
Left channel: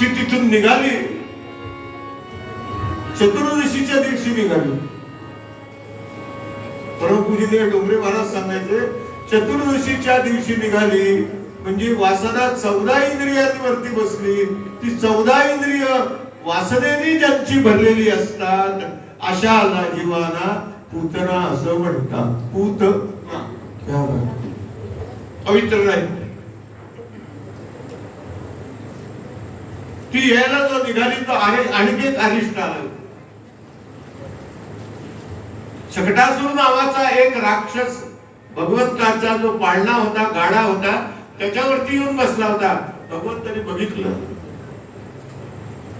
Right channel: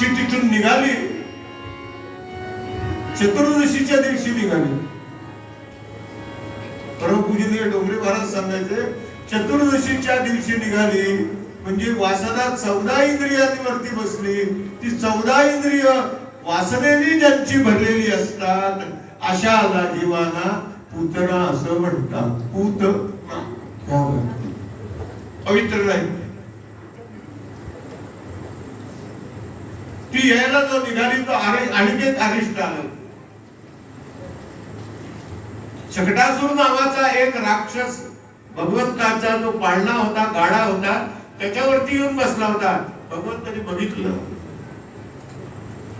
ती तिथून निघाली. चतुर्दशीच्या दिवशी निघाली. परमपूजनीय डोंगरे महाराज सांगायचे, चतुर्दशीच्या दिवशी निघाली म्हणजे वासना 14 इंद्रियांवरती बसली. ती 14 इंद्रिय वासनेने ज्यांची भरलेली असतात अशाला जीवाना पूतना असं म्हणतात. पूतना पवित्र राहील. ती यायला जो निघाली तो आणखी एक अरिष्ट आला. शकटासूर नावाचा एक राक्षस भगवंताचा जो पाळणा होता, गाडा होता, त्याच्यावरती येऊन बसला होता. भगवंताने बघितलं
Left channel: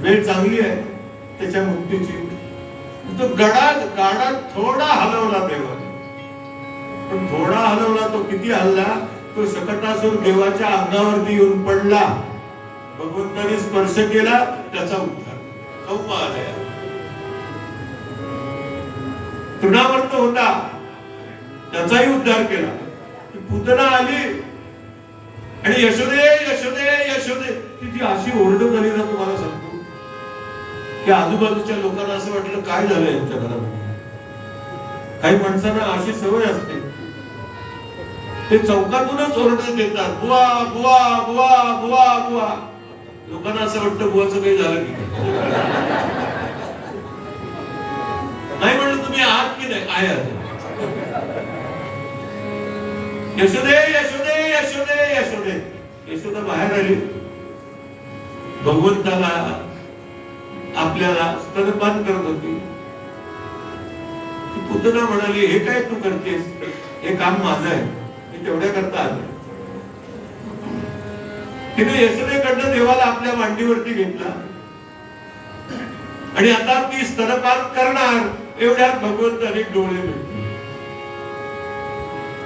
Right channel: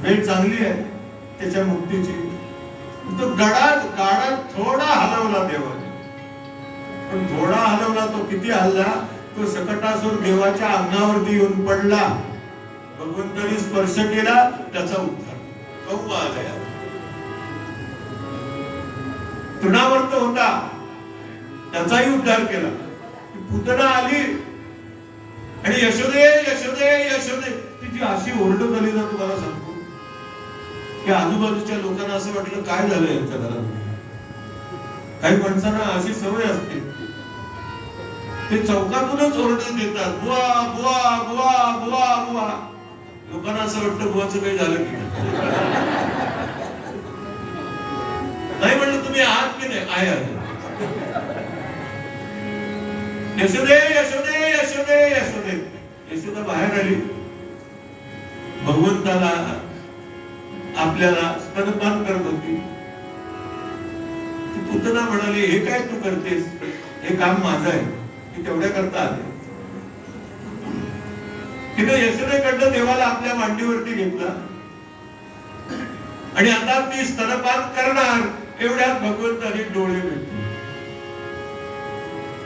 वेळ चांगली आहे त्याच्या मुक्तीची. तो गाडा थोडा हलवला तेव्हा. पण थोडा हलवला तो किती हलला? तो शकटासूर देवाच्या अंगावरती येऊन पडला. भगवंताने स्पर्श केला, त्याचा उद्धार. कौमालय तृणावर्त होता, त्याचाही उद्धार केला. पूतना आली आणि यशोदे यशोदे यशोदे तिची अशी ओरडत आली ना, तुम्हाला सांगतो की आजूबाजूच्या लोकांना असं वाटलं काय झालं यांच्या घरात. काही माणसांना अशी सवय असते, ते चौकातूनच ओरडत येतात, बुवा बुवा बुवा बुवा बुवा. लोकांना असं वाटतं बुवाचं काही झालं की नाही. म्हणलं तुम्ही आहात की नाही? आहे. यशोदे यशोदे यशोदे यशोदे. यशोदा बाहेर आली. भगवंताला आपल्याला स्तनपान करत होती. पूतना म्हणाली, हे काय तू करतेस? हे काम माझं आहे, मी तेवढ्या करता आले. तिने यशोदेकडनं देवाला आपल्या मांडीवरती घेतला आणि आता मी स्तनपान करणार. एवढ्यात भगवंताने डोळे भेटले.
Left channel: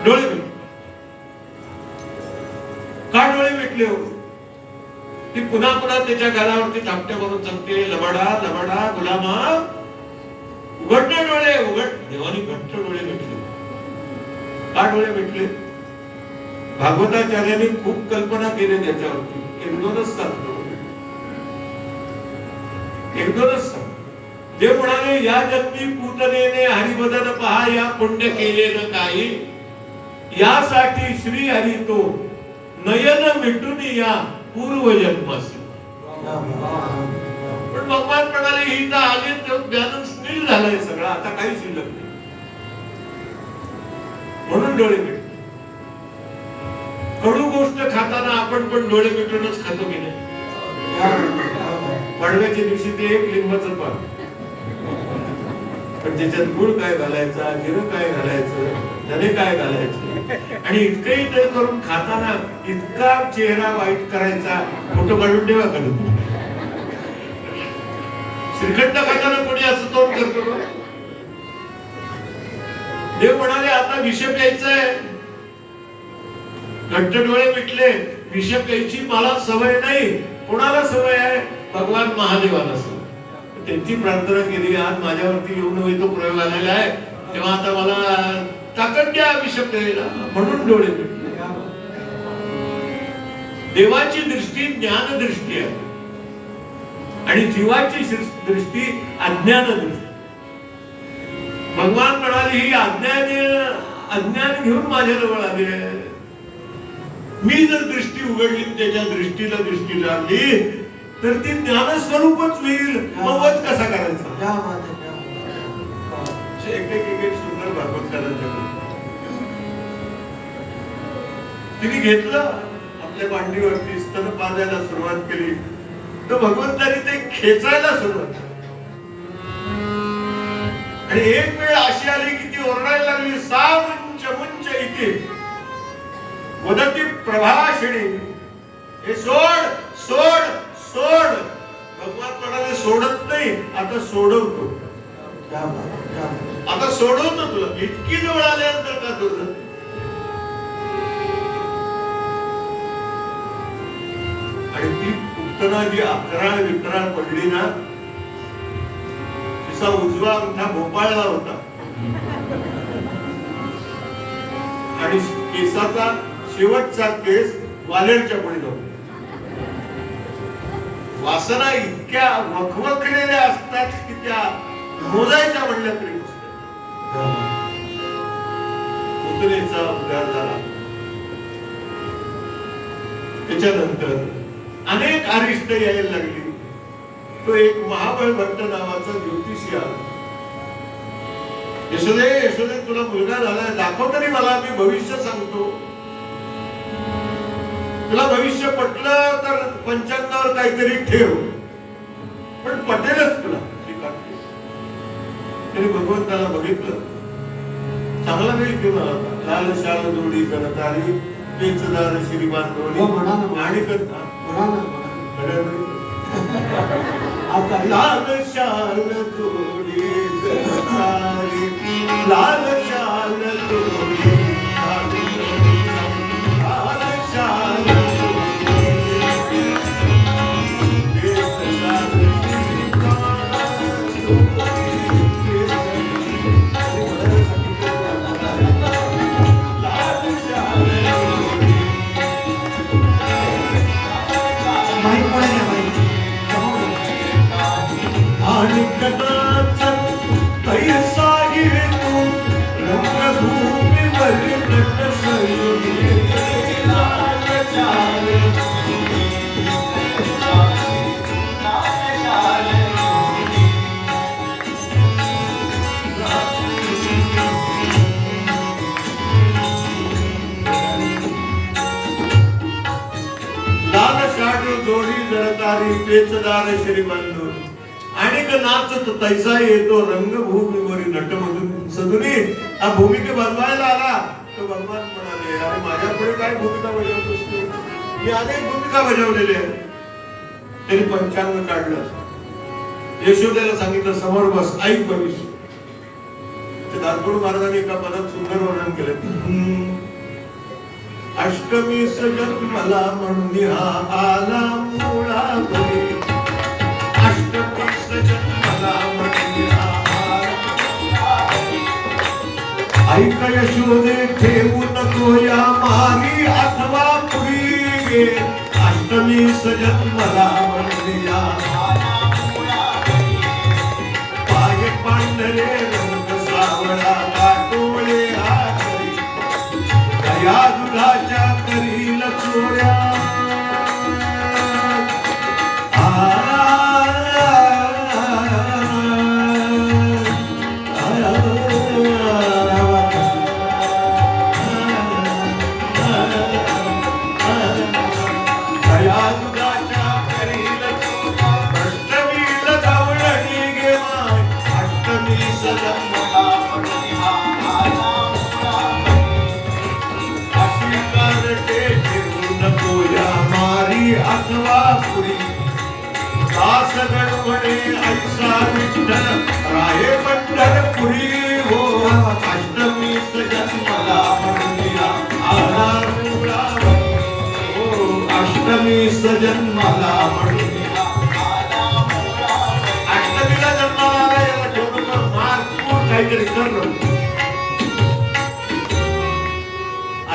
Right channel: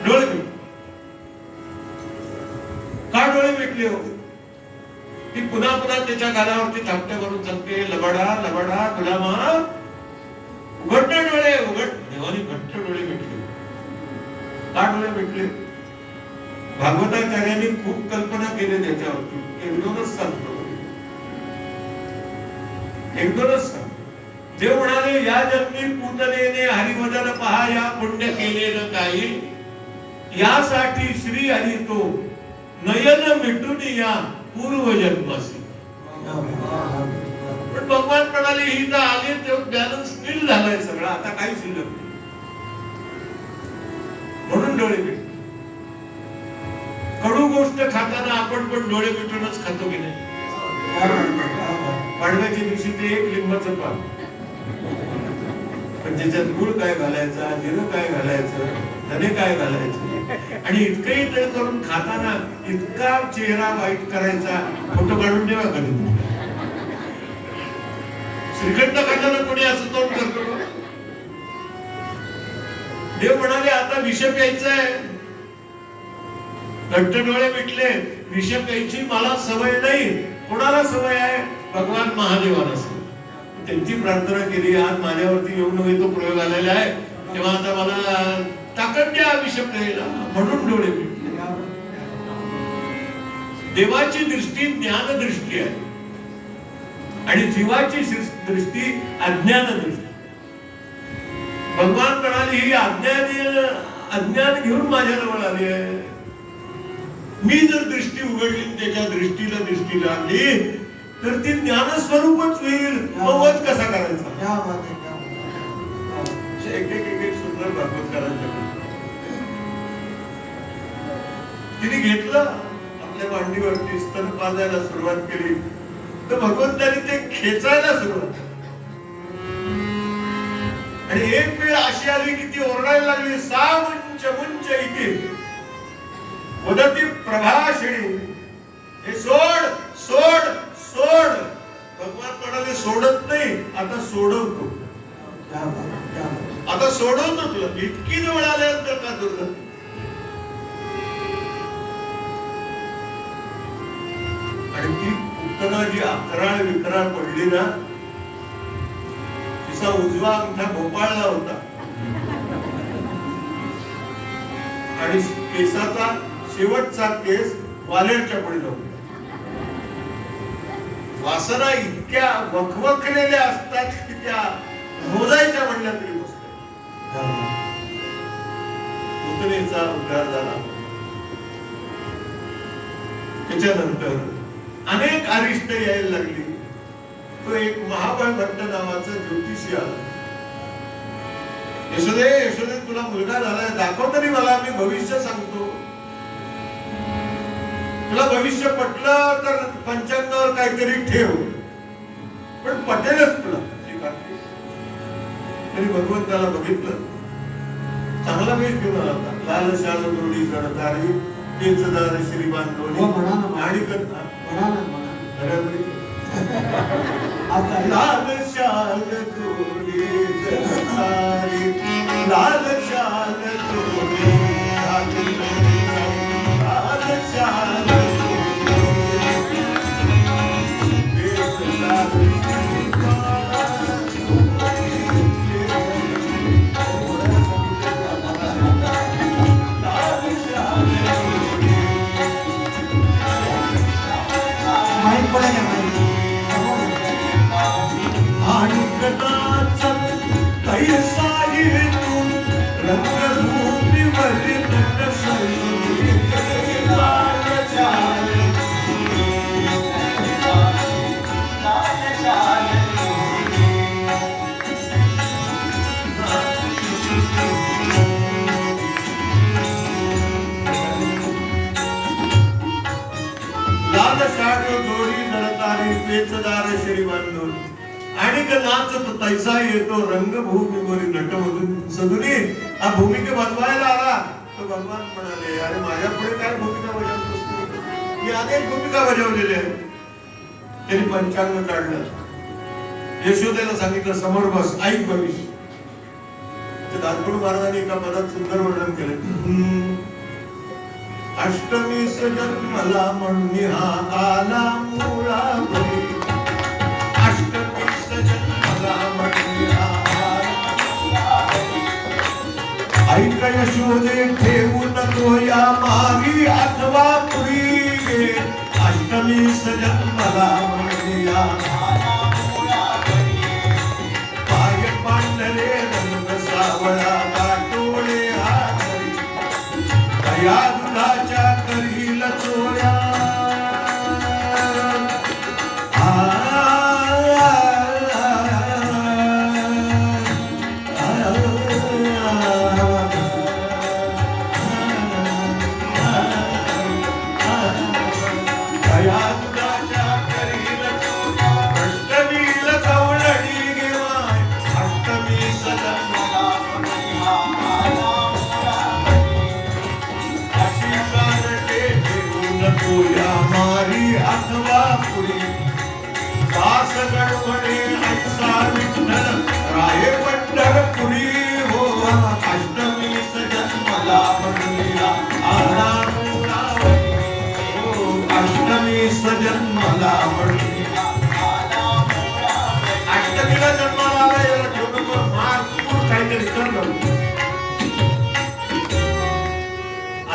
डोळे भेटले. का डोळे भेटले हो? ती पुन्हा पुन्हा त्याच्या घरावरती धाकटे करून सांगते, लबाडा लबाडा गुलामा उघडणे डोळे उघड. देवाने घट्ट डोळे भेटले. का डोळे भेटले? भागवताचार्यांनी खूप कल्पना केली त्याच्यावरती. एक दोनच सांगतो. देव म्हणाले, या जन्मी पूतनेने हरिभजन पहा, या पुण्य केले न काही. यासाठी श्री हरी तो नयन मिटून या पूर्व जन्मासी. पण भगवान म्हणाले, ही तर आली तो बॅलन्स नील झालाय सगळा, आता काही शिल्लक नाही. म्हणून डोळे मिटले. कडू गोष्ट खाताना आपण पण डोळे मिटूनच खातो की नाही? पाडव्याच्या दिवशी ते एक लिंबाचं पान, पण त्याच्यात गुळ काय घालायचा, जिरं काय घालायचं, धने काय घालायचे, आणि इतकंही करून खाताना इतका चेहरा वाईट करायचा. फोटो काढून ठेवा काढून. श्रीखंड खाताना कोणी असं तोंड करतो? देव म्हणाले, आता विष प्यायचंय. घट्ट डोळे मिटले. विष प्यायची मला सवय नाही. कोणाला सवय आहे? भगवान महादेवाला सवय. त्यांची प्रार्थना केली, आज माझ्यावरती येऊन तो प्रयोग आलेला आहे, तेव्हा आता मला ताकद द्या विष प्यायला. म्हणून डोळे मिटले. देवाची दृष्टी ज्ञान दृष्टी आहे. आणि जीवाची दृष्टी अज्ञान दृष्टी. भगवान म्हणाले ही अज्ञान घेऊन माझ्याजवळ आली आहे. मी जर दृष्टी उघडली त्याच्या दृष्टीला दृष्टी लागली तर ती ज्ञानस्वरूपच होईल. मग वध कसा करायचा? क्या बात है, क्या बात है. एक सुंदर भागवत करायचं. तिने घेतलं आपल्या मांडीवरती स्तन पाजायला सुरुवात केली तर भगवंताने ते खेचायला सुरुवात केली. आणि एक वेळ अशी आली की ती ओरडायला लागली, सा मुंच मुंच इथे वदती प्रभाषिणी, हे सोड सोड सोड. भगवान म्हणाले सोडत नाही, आता सोडवतो. क्या बात है, क्या बात है. आता सोडवतो तुला. इतकी जवळ आल्यानंतर का तुझं? आणि ती उत्तना जी अकराळ विकराळ पडली ना, तिचा उजवा अंगठा भोपाळला होता आणि केसाचा शेवटचा केस वालेरच्या पुढे जाऊन. वासना इतक्या वखवखलेल्या असतात की त्या मोजायच्या म्हणल्या तरी उत्तरेचा उद्धार झाला. त्याच्यानंतर अनेक अरिष्ट यायला लागली. तो एक महाबळ भट्ट नावाचा ज्योतिषी आला. यशोदे यशोदे तुला मुलगा झालाय, दाखव तरी मला, मी भविष्य सांगतो. तुला भविष्य पटलं तर पंचांगावर काहीतरी ठेव, पण पटेलच तुला. तरी भगवंताला बघितलं, चांगला वेळ घेऊन आला होता. लाल शाल जोडी जणतारी पेचदार श्रीमान डोली हो, म्हणा ना. आणि करता म्हणा ना, म्हणा. आता लाल शाल जोडी जणतारी, लाल शाल जोडी लाल शाल माहित पण नाही माहित. जोडी जळतारी पेचदार श्रीबांधून आणि नाचत तैसा येतो रंगभूमीवरील नटमधून सदुनी. हा भूमिका बनवायला आला तो भगवान म्हणाले, अरे माझ्या पुढे काय भूमिका बजावतोस तू? मी अनेक भूमिका बजावलेल्या आहेत. त्यांनी पंचांग काढलं, यशोदेला सांगितलं समोर बस, ऐक भविष्य. दासगुरु महाराजांनी एका पदात सुंदर वर्णन केलं. अष्टमी जन्मला म्हणून हा आला मुळावरी, अष्टमी जन्मला म्हणून हा ऐक यशोदे ठेवू नको या मारी अथवा पुरी, अष्टमी जन्मला म्हणून या पाय पांढरे रंग सावळा गाठोळे हातरी, दया दुधाच्या करील चोऱ्या.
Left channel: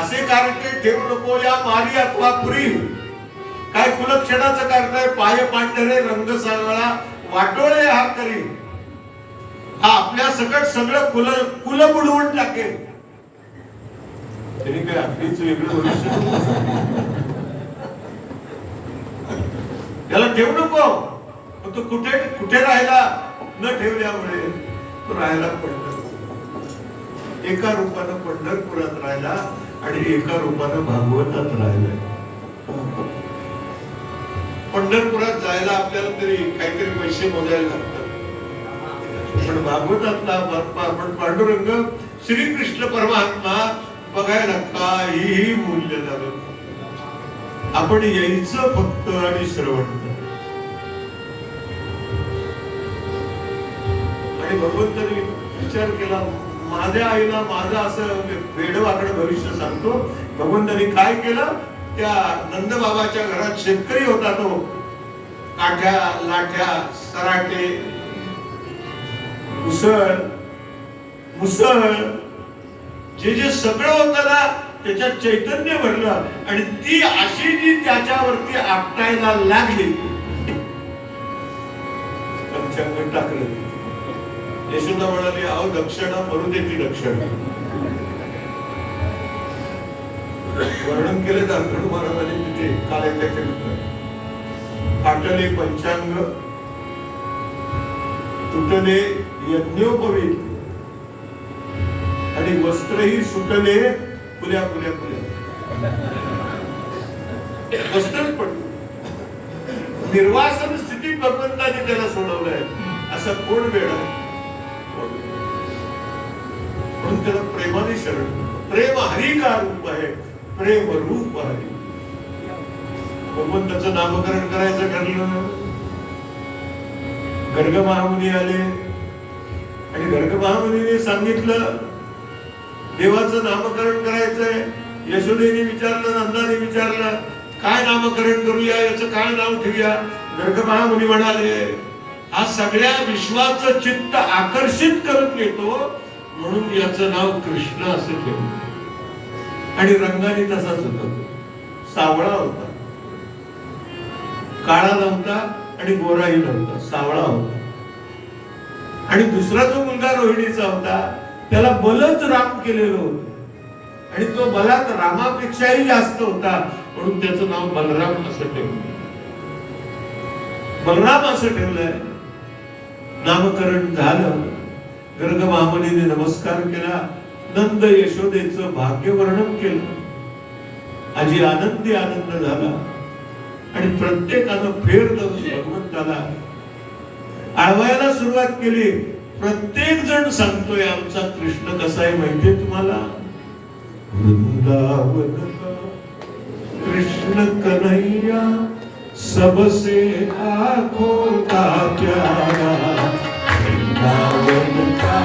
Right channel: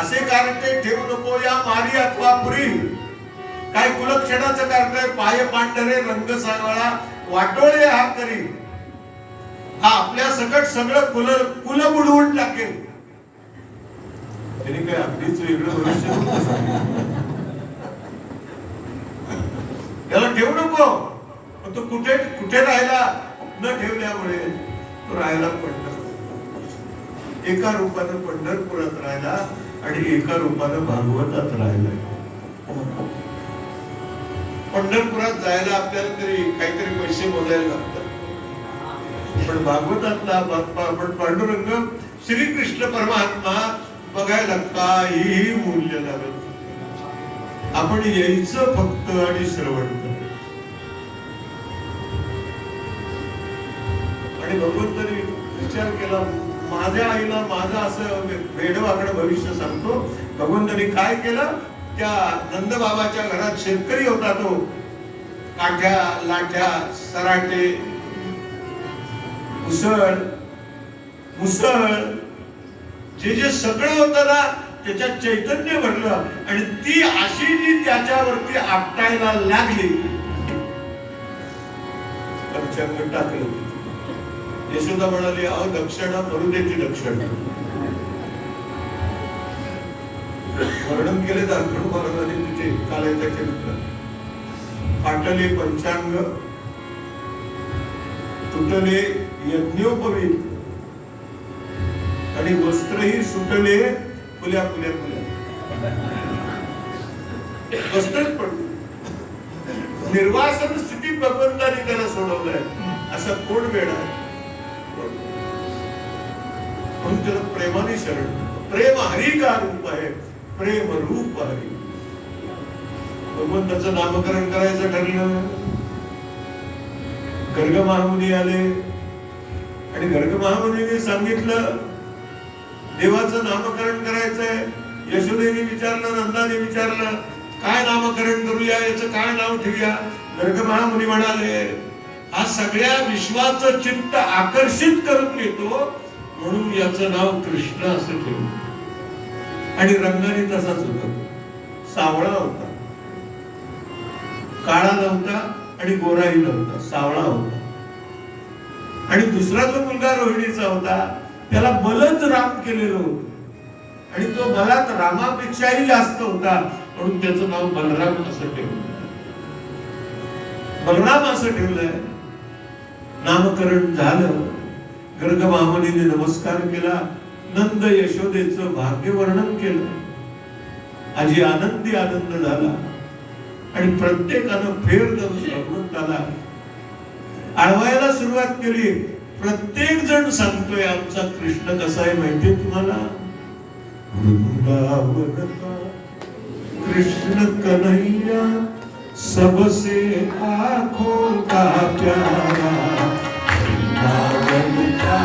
असे कारण ते ठेवू नको या मारी अथवा पुरी. काय कुलक्षणाचं करताय, पाय पांढरे रंग सावळा वाटोळे हा करी, हा आपल्या सकट सगळं कुल बुडवून टाकेल. तरी काय आपलीच वेगळं भविष्य. त्याला ठेवू नको. तो कुठे कुठे राहिला, न ठेवल्यामुळे तो राहायला पडला. एका रूपानं पंढरपुरात राहिला आणि एका रूपानं भागवतात राहिला. पंढरपुरात जायला आपल्याला तरी काहीतरी पैसे मोजायला लागतात, पण भागवतातला बाप्पा आपण पांडुरंग श्रीकृष्ण परमात्मा बघायला काहीही मूल्य लागत. आपण यायचं फक्त आणि श्रवण. आणि भगवंतांनी विचार केला, माझ्या आईला माझं असं वेडवाकडे भविष्य सांगतो. भगवंतांनी काय केलं, त्या नंदबाबाच्या घरात शेतकरी होता, तो काठ्या लाठ्या सराटे मुसळ जे जे सगळं होतं ना, त्याच्यात चैतन्य भरलं आणि ती अशी जी त्याच्यावरती आपटायला लागली, टाकलं. यशोदा म्हणाली, अहो दक्षिणा मरू दे ती दक्षिणा. वर्णन केले दासगणू महाराजांनी तिथे कालायताच्या फाटले पंचांग, तुटले यज्ञोपवीत आणि वस्त्रही सुटले खुल्या खुल्या खुल्या. वस्त्रच पडलं. निर्वासन स्थिती भगवंताने त्याला सोडवलंय. असा कोण वेळ आहे, म्हणून त्याला प्रेमाने शरण. प्रेम हरी का रूप आहे, प्रेम रूप हरी. भगवंताचं नामकरण करायचं ठरलं. गर्ग महामुनी आले आणि गर्ग महामुनीने सांगितलं देवाचं नामकरण करायचंय. यशोदेने विचारलं, नंदाने विचारलं, काय नामकरण करूया, याचं काय नाव ठेवूया. गर्ग महामुनी म्हणाले, हा सगळ्या विश्वाचं चित्त आकर्षित करून घेतो, म्हणून याचं नाव कृष्ण असं ठेवलं. आणि रंगाने तसाच होता, सावळा होता, काळा नव्हता आणि गोराही नव्हता, सावळा होता. आणि दुसरा जो मुलगा रोहिणीचा होता, त्याला बलच राम केलेलं होतं आणि तो बलात रामापेक्षाही जास्त होता, म्हणून त्याचं नाव बलराम असं ठेवलं. बलराम असं ठेवलंय. नामकरण झालं. गर्ग महामुनीने नमस्कार केला. नंद यशोदेचं भाग्य वर्णन केलं. आजी आनंदी आनंद झाला आणि प्रत्येकानं फेर धरून भगवंताला आळवायला सुरुवात केली. प्रत्येक जण सांगतोय आमचा कृष्ण कसा आहे माहितीये तुम्हाला. वृंदावन का कृष्ण कन्हैया सबसे आंखों का प्यारा. वृंदावन का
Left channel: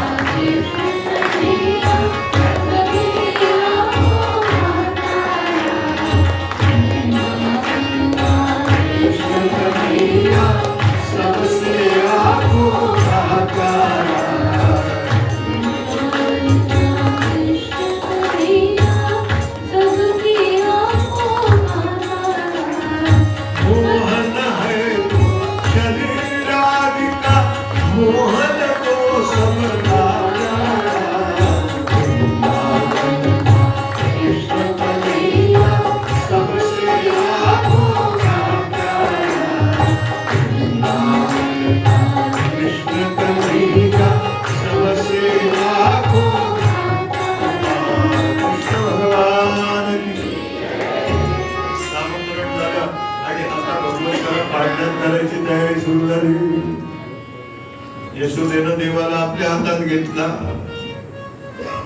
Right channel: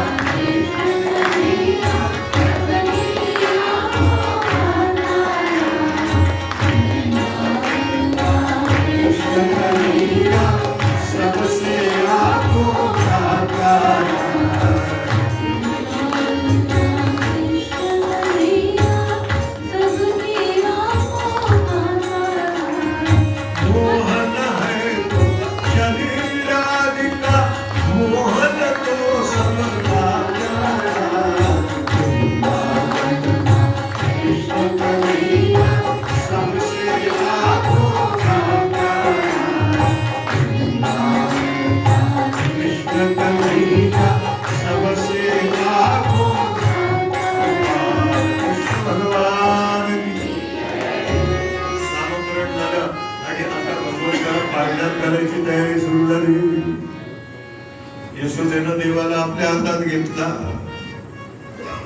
यशोदेनं देवाला आपल्या हातात घेतला.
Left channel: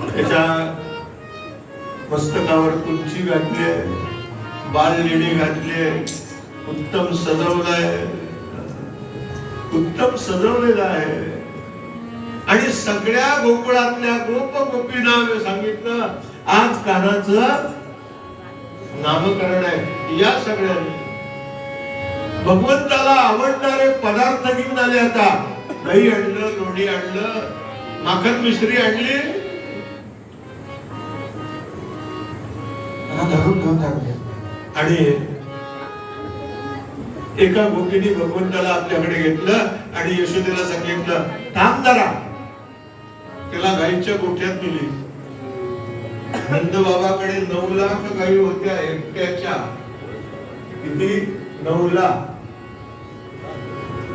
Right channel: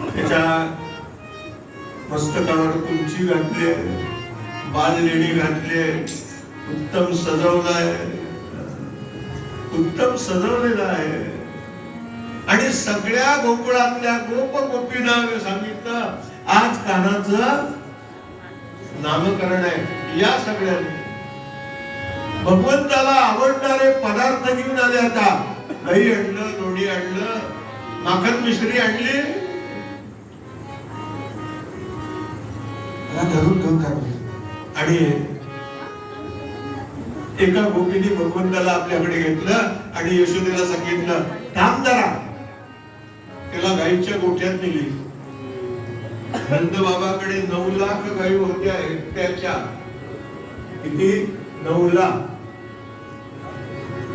त्याच्या मस्तकावर कुंची घातली, बाललेणी घातली, उत्तम सजवलंय, उत्तम सजवलेलं आहे. आणि सगळ्या गोकुळातल्या गोप गोपींना सांगितलं आज कान्हाचं नामकरण आहे. या सगळ्यांनी भगवंताला आवडणारे पदार्थ घेऊन आले. आता दही आणलं, लोणी आणलं, माखन मिश्री आणली. धरून घेऊन टाकले आणि एका गोपीने भगवंताला आपल्याकडे घेतलं आणि यशोदेला सांगितलं, थांब जरा. तिला गाईच्या गोठ्यात नेली. नंद बाबाकडे 9 लाख गायी होत्या एकट्याच्या. किती? 9 लाख.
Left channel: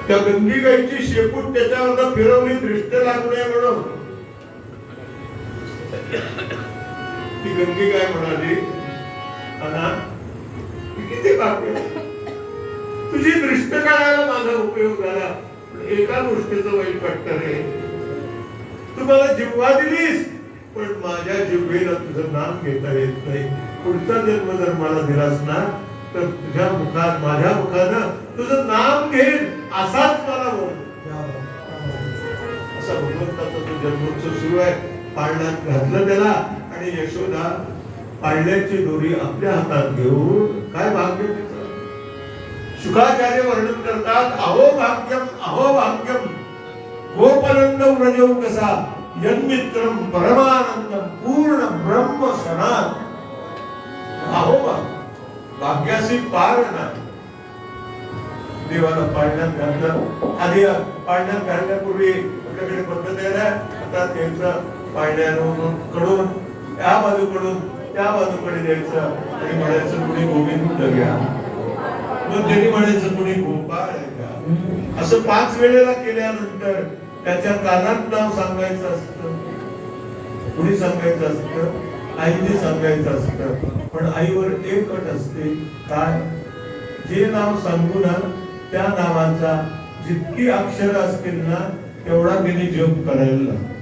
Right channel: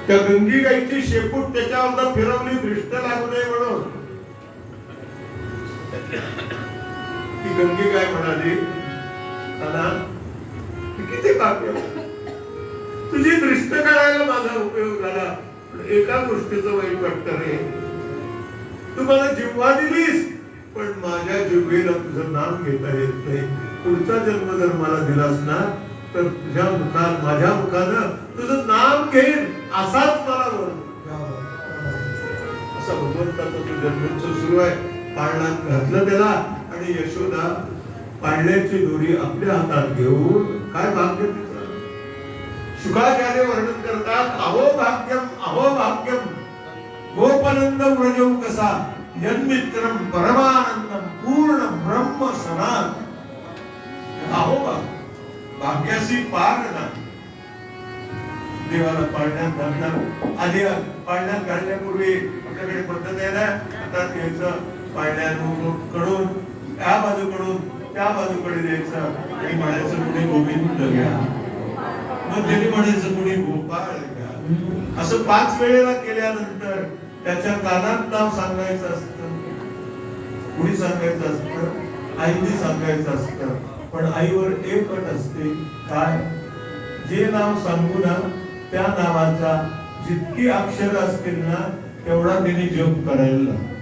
त्या गंगी गाईची शेपूट त्याच्यावर फिरवली दृष्ट लागू नये म्हणून. ती गंगी गाय म्हणाली, किती पाप, तुझी दृष्ट काढायला माझा उपयोग झाला, एका गोष्टीचं वाईट वाटतं रे. तू मला जिव्हा दिलीस, पण माझ्या जिव्हेला तुझं नाम घेता येत नाही. पुढचा जन्म जर मला दिलास ना, तर तुझ्या मुखात, माझ्या मुखानं तुझं नाम घेईन, असाच मला वर. असा भगवंताचा तो जन्मोत्सव सुरू आहे. पाळण्यात घातलं त्याला आणि यशोदा पाळण्याची दोरी आपल्या हातात घेऊन, काय भाग्य तिचं. शुकाचार्य वर्णन करतात, अहो भाग्यम, अहो भाग्यम, गोपनंदम व्रजौ कसा यन्मित्रम परमानंदम पूर्ण ब्रह्म सनात. अहो भाग्याशी पार नाही. देवाला पाळण्यात घालतात. आधी पाळण्यात घालण्यापूर्वी आपल्याकडे पद्धत आहे ना, आता घ्यायचं पाळण्याकडून त्या बाजूकडून त्या बाजूकडे द्यायचं आणि म्हणायचं कुणी गोविंद घ्या, मग त्यांनी म्हणायचं कुणी गोपाळ घ्या. असं 5 वेळेला केल्यानंतर त्याच्या कानात नाव सांगायचं असतं. कुणी सांगायचं असतं? आईने सांगायचं असतं. पण आईवर एक अट असते, काय? जे नाव सांगू ना, त्या नावाचा जितकी अक्षर असतील ना, तेवढा त्यांनी जप करायला लागतो.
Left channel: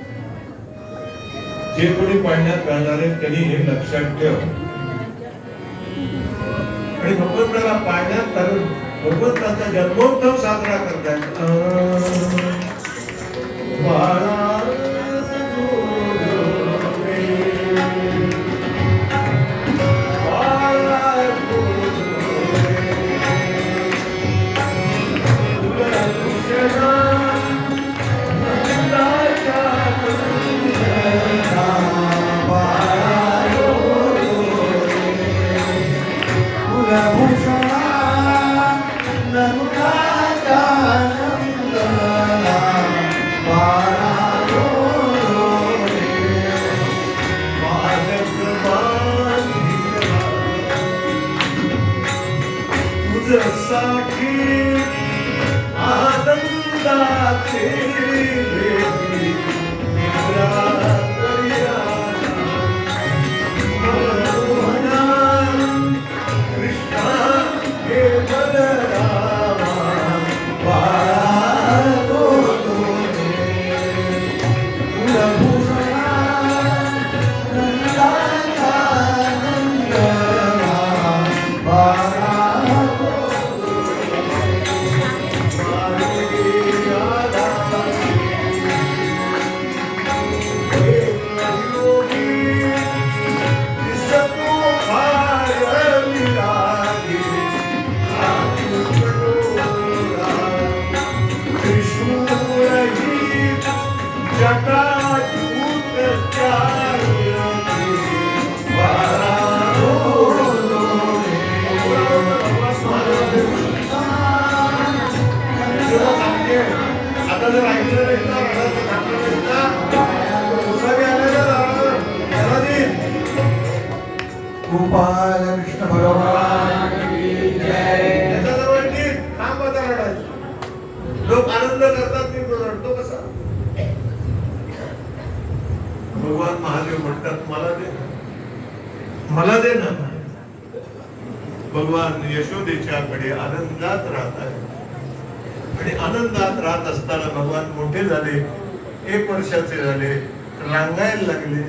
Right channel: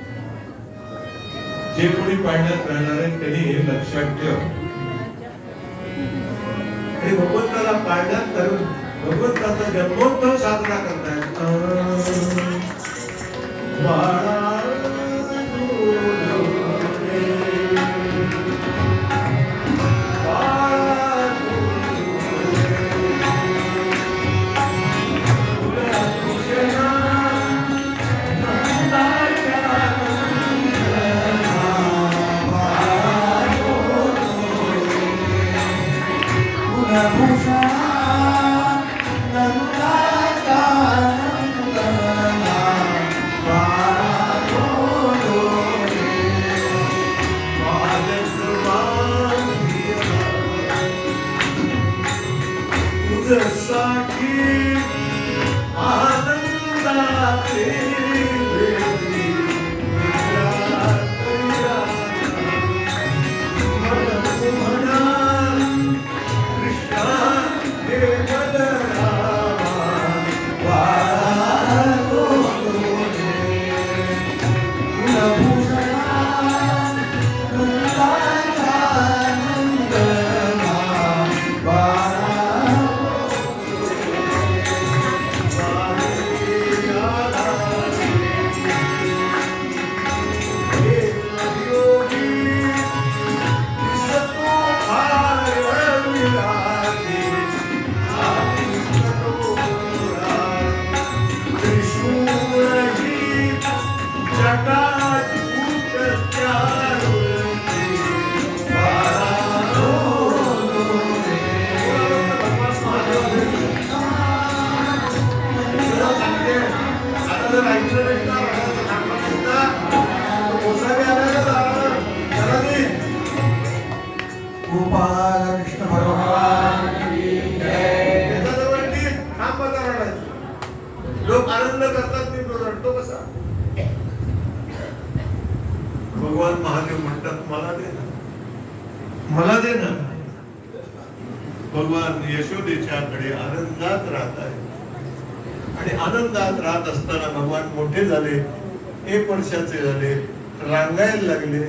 जे कोणी पाळण्यात घालणार आहे त्यांनी हे लक्षात ठेव. आणि भगवंताला पाळण्यात घालून भगवंताचा जन्मोत्सव साजरा करतात. गोपालकृष्ण भगवान की जय. लोक आनंद करतात, मी रडतो कसा? भगवान महादेव म्हणतात, मला दे ना, मला दे ना. भगवान यशोदेच्याकडे आनंदात राहत आहे आणि आनंदात राहत असताना भगवान मोठे झाले, 1 वर्षाचे झाले, रांगायला लागले.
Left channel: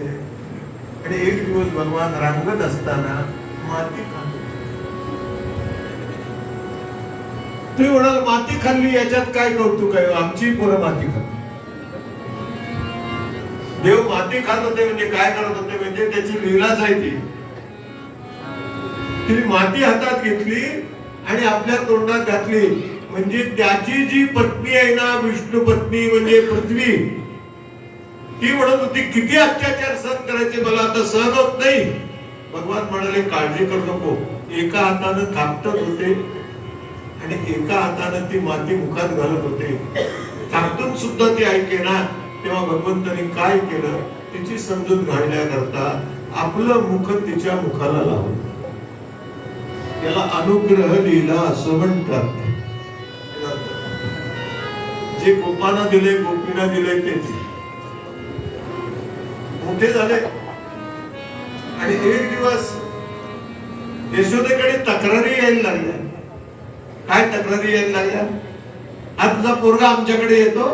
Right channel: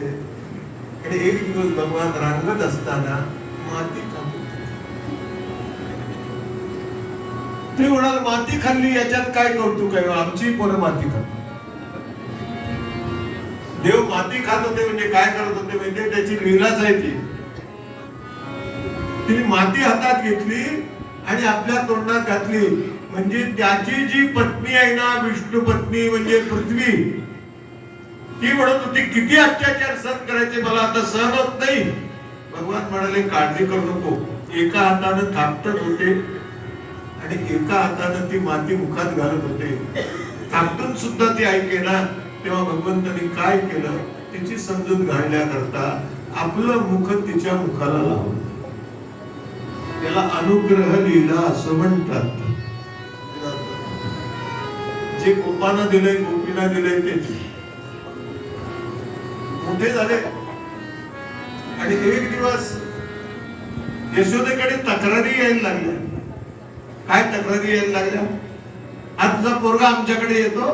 आणि एक दिवस भगवान रांगत असताना माती खाल्ली. तुम्ही म्हणाल माती खाल्ली याच्यात काय कौतुक आहे? आमची पोरं माती खात. देव माती खात होते म्हणजे काय करत होते म्हणजे त्याची लीलाच आहे ती. तिने माती हातात घेतली आणि आपल्या तोंडात घातली. म्हणजे त्याची जी पत्नी आहे ना, विष्णू पत्नी म्हणजे पृथ्वी, ती म्हणत होती किती अत्याचार सहन करायचे, मला आता सहन होत नाही. भगवान म्हणाले काळजी करू नको. एका हाताने थापटत होते आणि एका हातानं ती माती मुखात घालत होते. थांबून सुद्धा ती ऐकेना. तेव्हा भगवंतांनी काय केलं, तिची समजूत घालण्याकरता आपलं मुख तिच्या मुखाला लावलं. त्याला अनुग्रह लीला असं म्हणतात. जे गोपांना दिले, गोपींना दिले तेच मोठे झाले. आणि एक दिवस यशोदेकडे तक्रारी यायला लागल्या. काय तक्रारी यायला लागल्या? हा तुझा पोरगा आमच्याकडे येतो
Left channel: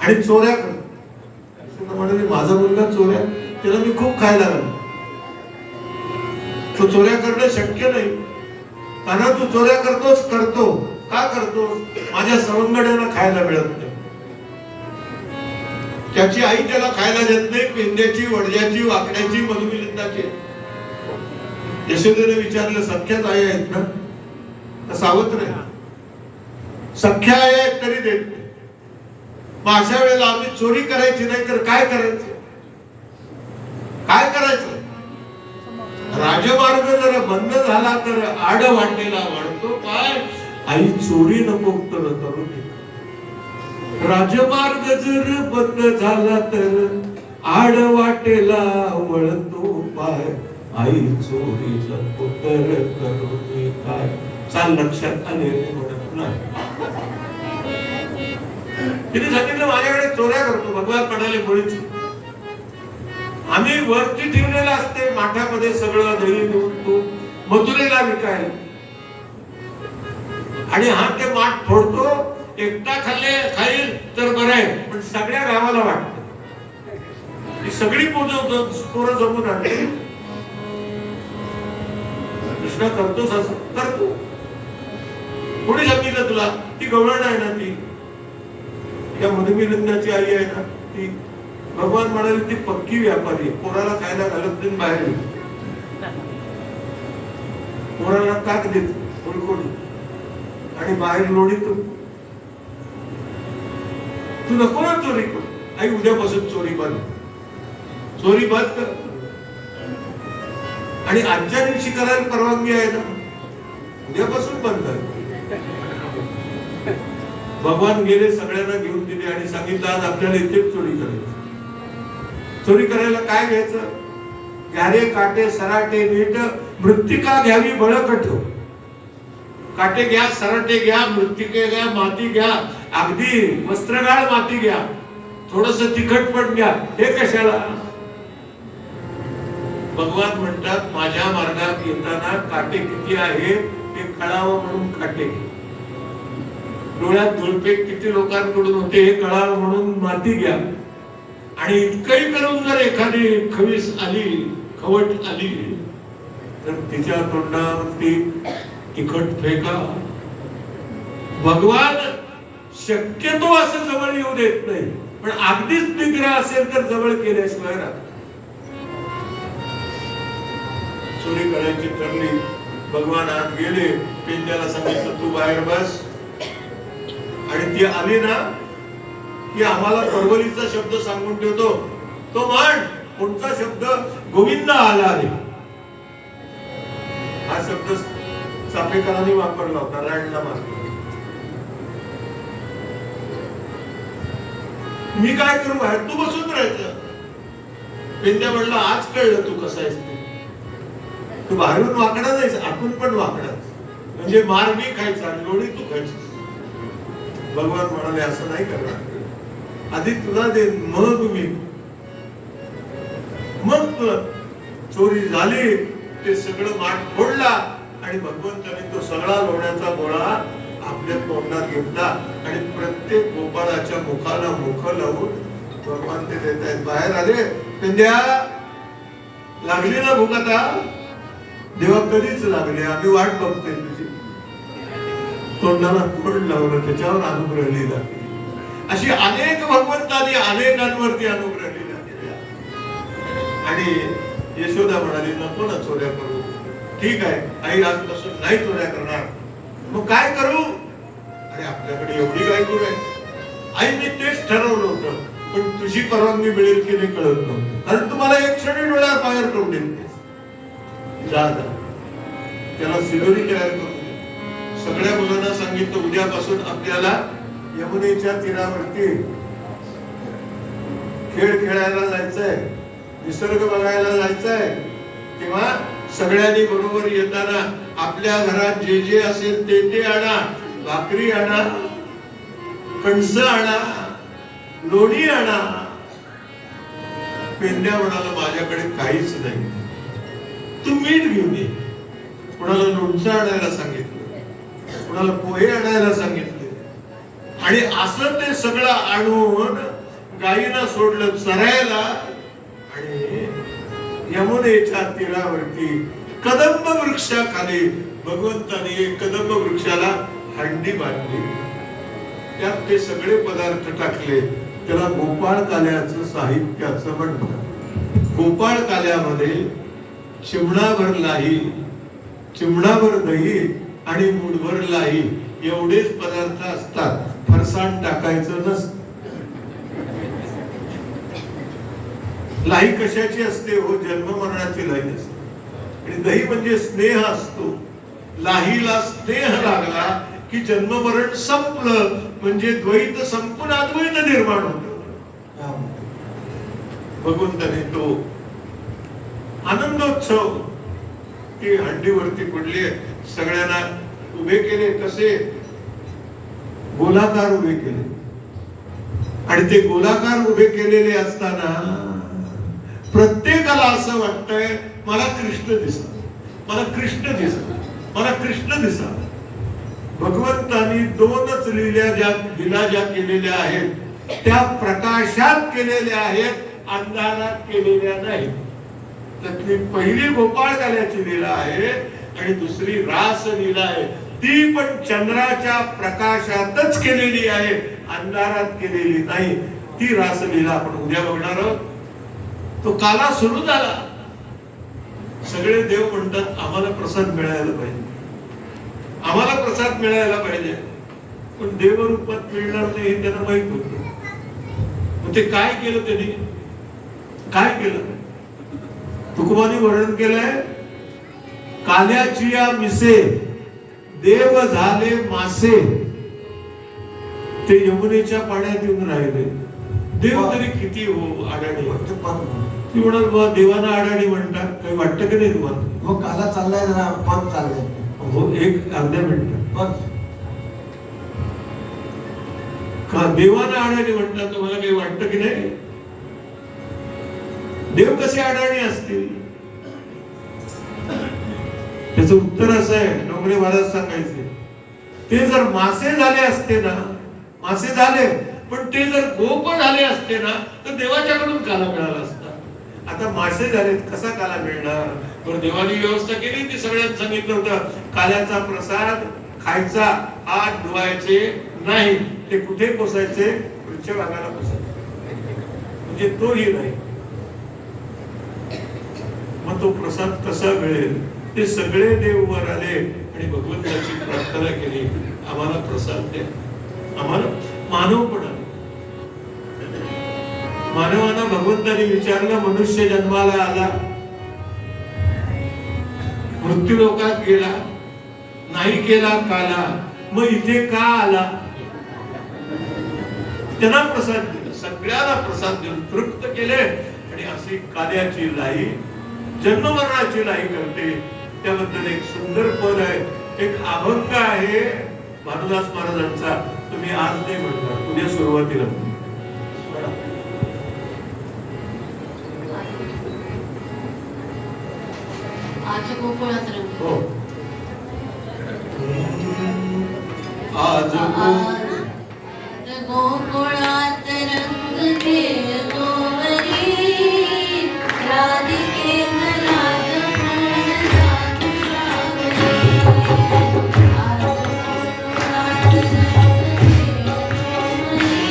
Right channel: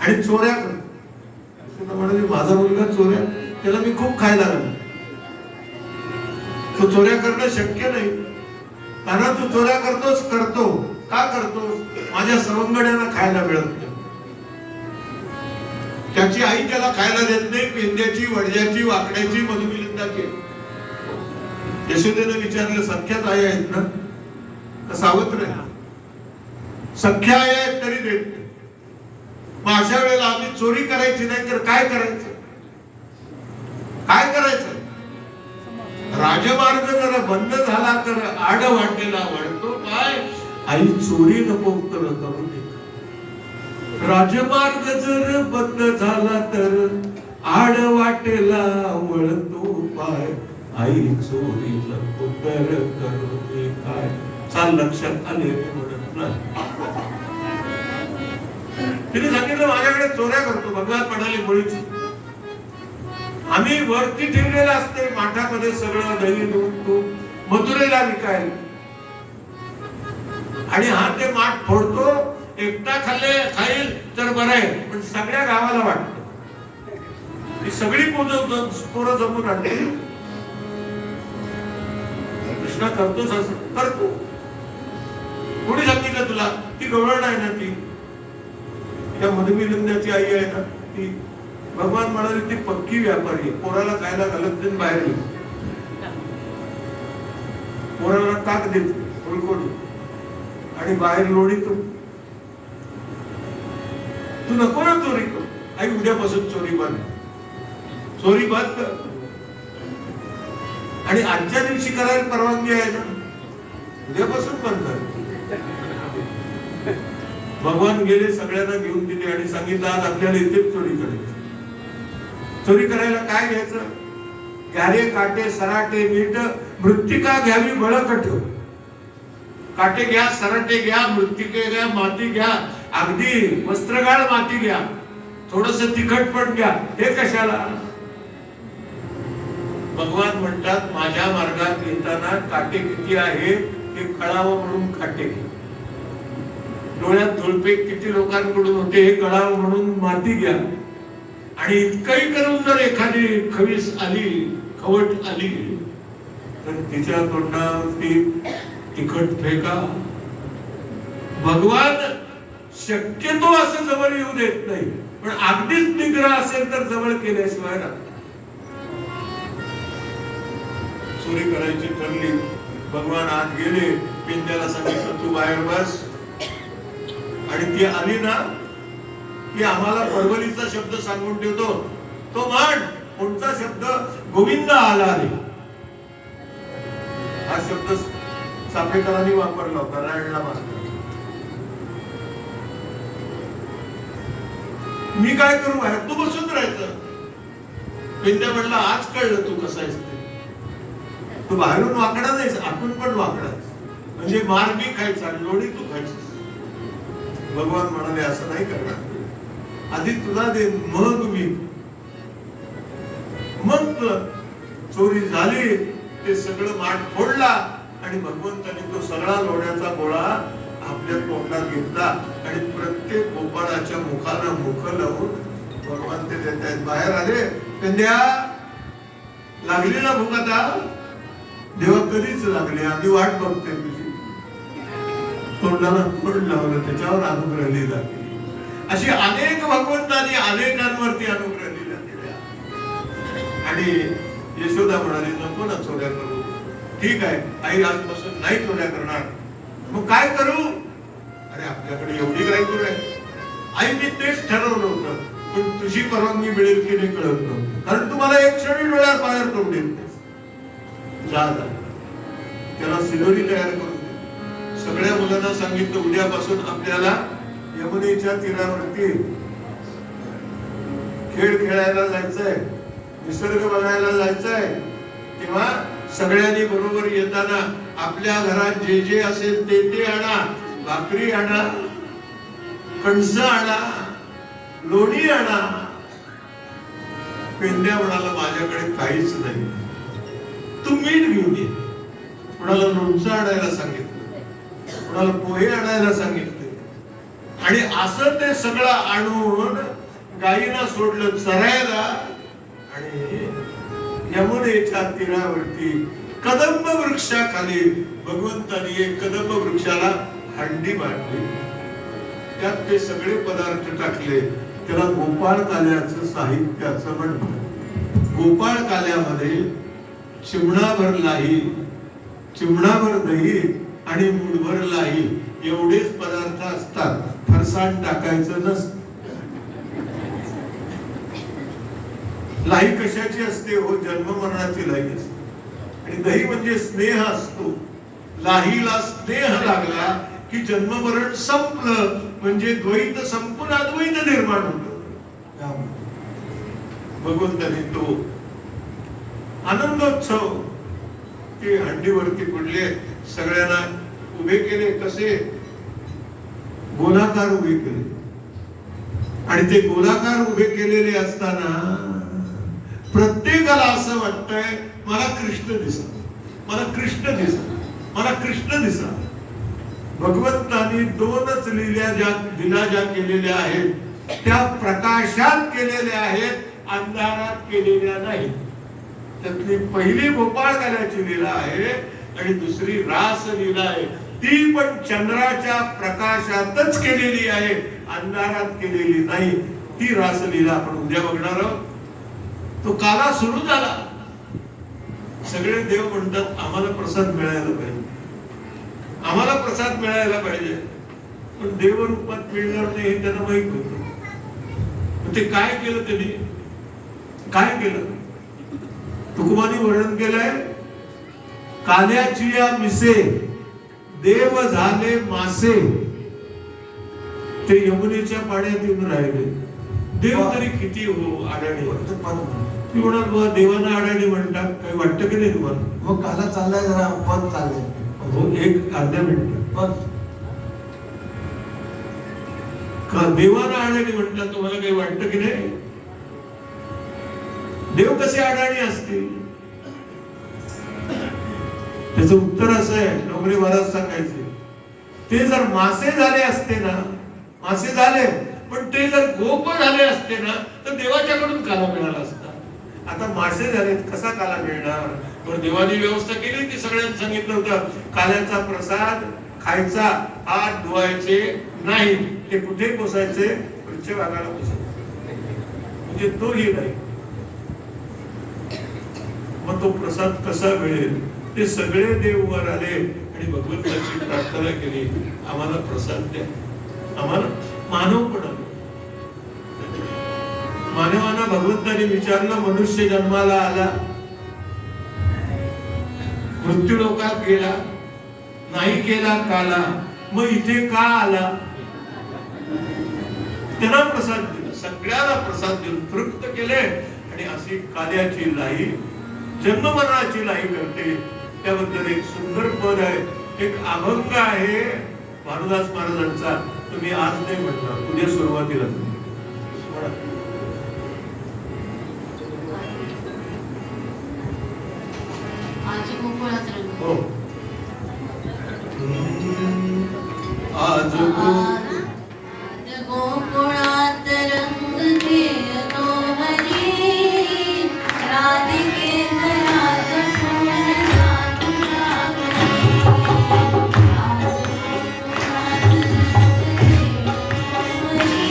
आणि चोऱ्या करतो. यशोदा म्हणाली, माझा मुलगा चोऱ्या, त्याला मी खूप खायला लागलो. तो चोऱ्या करणं शक्य नाही. कारण तू चोऱ्या करतोस, करतो का करतोस? माझ्या सवंगड्यांना खायला मिळत नाही. त्याची आई त्याला खायला देत नाही. पेंद्याची, वडजाची, वाकड्याची, मधुमिलिंदाची. यशोदेने विचारलं, सख्याच आई आहेत ना? तर सावत्र आहे. सख्या आई आहेत तरी देत नाही. मग अशा वेळेला आम्ही चोरी करायची नाही तर काय करायचं? काय करायचं? राजमार्ग जर बंद झाला तर आड वाटेला वळतो काय? आई चोरी नको तर करू दे. राजमार्ग जर बंद झाला तर आड वाटेला वळतो पाय. आई चोरीचा पुतर करू दे काय? चाल लक्षात आले म्हणत नाही. तिने सांगितलं, माझ्याकडे चोऱ्या करतो. भगवान म्हणाले, मुळीच आम्ही वरती ठेवलेलं असते माठामध्ये सगळं दही दूध तूप मथुरेला विकायला. आणि हा ते माठ फोडतो. एकटा खाईल तर बरं आहे, पण सगळ्या गावाला वाटतं. ही सगळी पोरं जमून आणते. कृष्णा करतोस असं? करतो. कोणी सांगितलं तुला? ती गवळण आहे ना, ती त्या मधुमिलिंदाची आई आहे ना ती. भगवान म्हणाले, ती पक्की व्यापारी आहे. पोराला खायला घालत नाही, बाहेर पोराला ताक देतो कोणी आणि बाहेर लोळीतो. तू नको ना चोरी कर. आई उद्यापासून चोरी बंद. चोरी बंद कर. आणि आजच्या दिवशी करायला परवानगी आहे ना, उद्यापासून बंद कर. भगवान गेले, सगळ्यांना घेऊन दिले आणि सांगितलं, आज आपल्याला इथेच चोरी करायची. चोरी करायला काय घ्यायचं? घ्यारे, काटे, सराटे, नीट मृत्तिका घ्यावी बळकट. काटे घ्या, सराटे घ्या, मृत्तिके घ्या, माती घ्या, अगदी वस्त्रगाळ माती घ्या, थोडस तिखट पण घ्या. हे कशाला? भगवान म्हणतात, माझ्या मार्गात येताना काटे किती आहे ते कळावं म्हणून काटे घ्या. डोळ्यात धुळपे किती लोकांकडून होते हे कळावं म्हणून माती घ्या. आणि इतकंही करून जर एखादी खवीस आली, खवट आली तर तिच्या तोंडावरती तिखट फेका. भगवान शक्यतो असं जवळ येऊ देत नाही, पण अगदीच निग्रह असेल तर जवळ केल्याशिवाय राहत. चोरी करायची ठरली. भगवान आत गेले. पेंड्याला सांगितलं, तू बाहेर बस. आणि ती आली ना की आम्हाला परवलीचा शब्द सांगून ठेवतो. तो म्हण कोणता शब्द? गोविंद आला रे. हा शब्द चापेकरांनी वापरला होता रायणला मारला. मी काय करू बाहेर? तू बसून राहायचं. पेंड्या म्हणला, आज कळलं तू कसा आहेस ते. तू बाहेरून वाकडा नाहीस, आतून पण वाकडा. म्हणजे मार मी खायचा आणि लोणी तू खायची. भगवान म्हणाले, असं नाही करणार. आधी तुला दे, मग मी. मग चोरी झाली. ते सगळं माठ फोडला आणि भगवंताने तो सगळा लोण्याचा गोळा आपल्या तोंडात घेतला आणि प्रत्येक गोपाळाच्या मुखाला मुख लावून भगवान ते देत आहेत. बाहेर आले. पेंद्या, लागली ना भूक आता? देवा, कधीच लागली, आम्ही वाट बघतोय तुझी. तोंडाला तोंड लावलं, त्याच्यावर अनुग्रह लिहिला. अशी अनेक भगवंतांनी अनेकांवरती अनुग्रह लिहिला. आणि यशोदा म्हणाली, नको ना चोऱ्या करू. ठीक आहे आई, आजपासून नाही चोऱ्या करणार. मग काय करू? अरे आपल्याकडे एवढी काय करू आहे? आई, मी तेच ठरवलं होतं, पण तुझी परवानगी मिळेल की नाही कळत नव्हतं. कारण तुम्हाला एक क्षणी डोळ्यात बाहेर करून देते. जा, त्याला सिगरी तयार करून दे. सगळ्या सांगितलं उद्यापासून आपल्याला यमुनेच्या तीरावरती खेळ खेळायला जायचंय, निसर्ग बघायला जायचंय. तेव्हा सगळ्यांनी बरोबर येताना आपल्या घरात जे जे असेल ते ते आणा. भाकरी आणा, कणस आणा, लोणी आणा. पेंड्या म्हणाला माझ्याकडे काहीच नाही, तू मीठ घेऊन ये. कुणाला लोणचं आणायला सांगितलं, कुणाला पोहे आणायला सांगितले. आणि असं ते सगळं आणून गायीला सोडलं चरायला. आणि यमुनेच्या तीरावरती कदंब वृक्षाखाली भगवंतानी एक कदंब वृक्षाला हंडी बांधली. त्यात ते सगळे पदार्थ टाकले. त्याला गोपाळ काल्याचं साहित्याचं म्हणतात. गोपाळ काल्यामध्ये चिमणाभर लाही, चिमणाभर दही आणि मूठभर लाही एवढेच पदार्थ असतात. फरसाण टाकायचं नसतं. लाही कशाची असते हो? जन्म मरणाची लाही असते. आणि दही म्हणजे स्नेह असतो. लाहीला स्नेह लागला की जन्म मरण संपलं, म्हणजे द्वैत संपून अद्वैत निर्माण होतं. भगवंताने तो आनंदोत्सव ते हंडीवरती पडले. सगळ्यांना उभे केले. कसे? गोलाकार उभे केले. आणि ते गोलाकार उभे केलेले असताना प्रत्येकाला असं वाटतंय मला कृष्ण दिसा, मला कृष्ण दिसा, मला कृष्ण दिसा. भगवंतानी दोनच लीला ज्या केलेल्या आहेत त्या प्रकाशात केलेल्या आहेत, अंधारात केलेल्या नाहीत. त्यातली पहिली गोपाळ काल्याची लीला आहे आणि दुसरी रास लीला आहे. ती पण चंद्राच्या प्रकाशातच केलेली आहे, अंधारात केलेली नाही. ती रास लीला आपण उद्या बघणार आहोत. तो काला सुरू झाला. सगळे देव म्हणतात आम्हाला प्रसाद मिळायला पाहिजे, आम्हाला प्रसाद मिळायला पाहिजे. पण देवरूपात मिळणार नाही हे त्यांना माहित होतं. ते काय केलं? त्यांनी काय केलं? तुकोबांनी वर्णन केलंय. काल्याची या मिसे देव झाले मासे, ते यमुनेच्या पाण्यात येऊन राहिले. देव तरी किती हो अडाणी. ती म्हणाल बाबा देवाना अडाणी म्हणतात, काही वाटतं की नाही तुम्हाला? मग काला चाललाय जरा पद चाललंय. हो, एक अर्ध्या मिनिट. पद देवाना अडाणी म्हणतात, तुम्हाला काही वाटतं की नाही? देव कसे अडाणी असतील? त्याचं उत्तर असं आहे, डोंगरे महाराज सांगायचे, ते जर मासे झाले असते ना, मासे झाले पण ते जर गोप झाले असते ना तर देवाच्याकडून काला मिळाला असता. आता मासे झालेत, कसा काला मिळणार? पण देवानी व्यवस्था केली. ती सगळ्यांना सांगितलं होतं काल्याचा प्रसाद खायचा, हात धुवायचे नाही. ते कुठे पोसायचे? पृष्ठभागाला पोसायचे. म्हणजे तोही नाही. मग तो प्रसाद कसा मिळेल? ते सगळे देव वर आले आणि भगवंताची प्रार्थना केली, आम्हाला प्रसाद द्या, आम्हाला. मानव पण आले. मानवानं भगवंताने विचारलं, मनुष्य जन्माला आला, मृत्यू लोकात गेला, नाही केला काला, मग इथे का आला? त्यांना प्रसाद दिला, सगळ्याला प्रसाद देऊन तृप्त केले. आणि अशी काल्याची लाई जन्ममरणाची लाई करते. त्याबद्दल एक सुंदर पद आहे, एक अभंग आहे भानुदास महाराजांचा. तुम्ही आज नाही म्हणणार, उद्या सुरुवातीला. आज गोकुळात रंग. हो. आज गोकुळात रंग खेळतो वरी, राधिके राज पूर्ण साधुरागरी. आज गोकुळात रंग खेळतो वरी,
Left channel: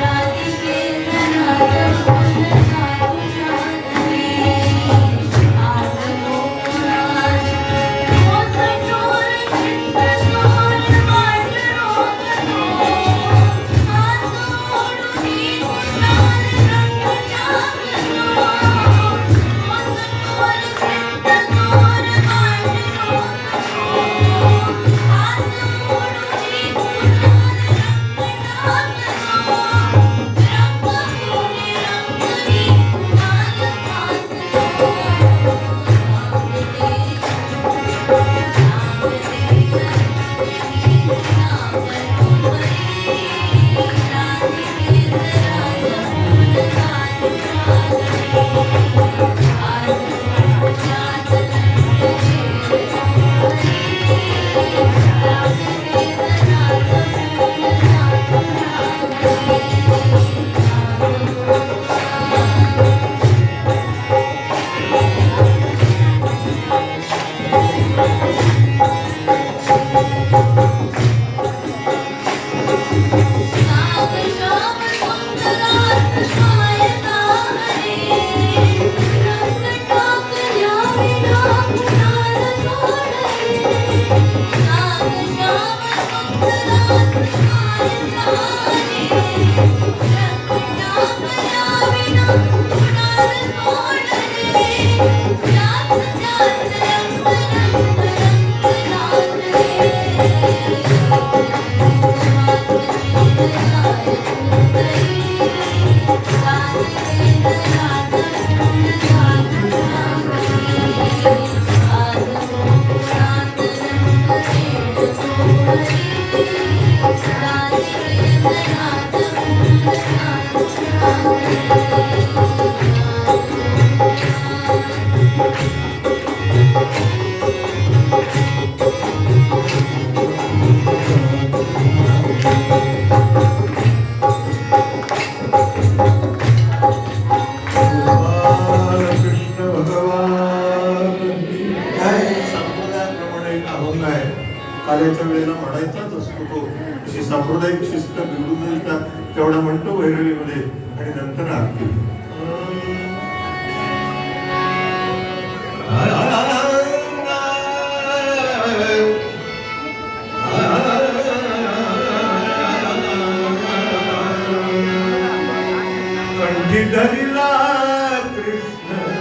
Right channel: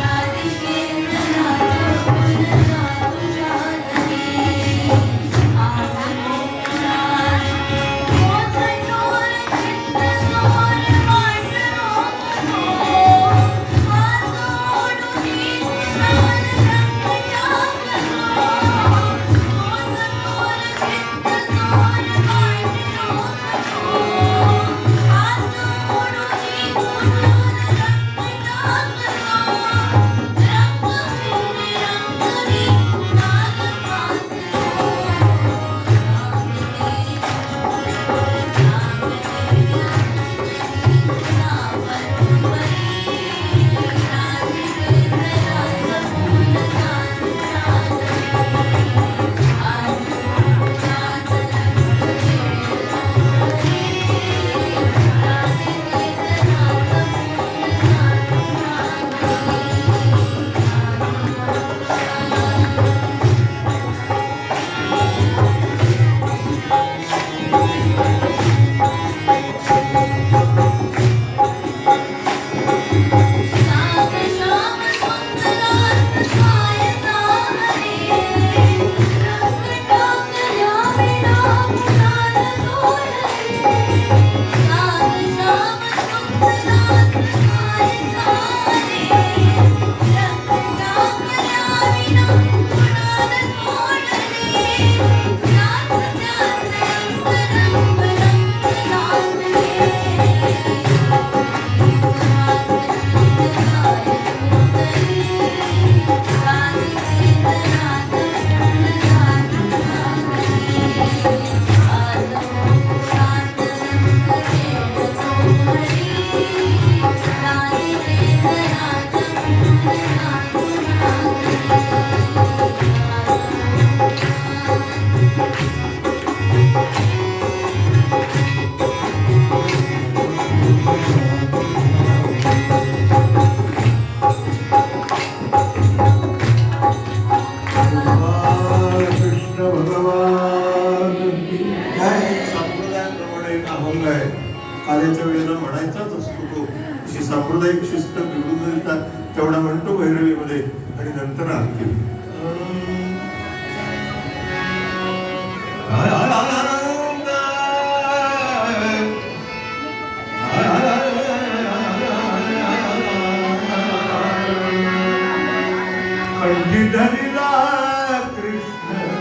राधिके राज पूर्ण साधुरागरी. आज गोकुळात मोठमोठे चित्रकोर वाटलो नको अशी सांप्रदायिक शिस्त बिघडून जातात तेवढा म्हणतो भैरवीमध्ये आणि नंतर आरती धरिला कृष्ण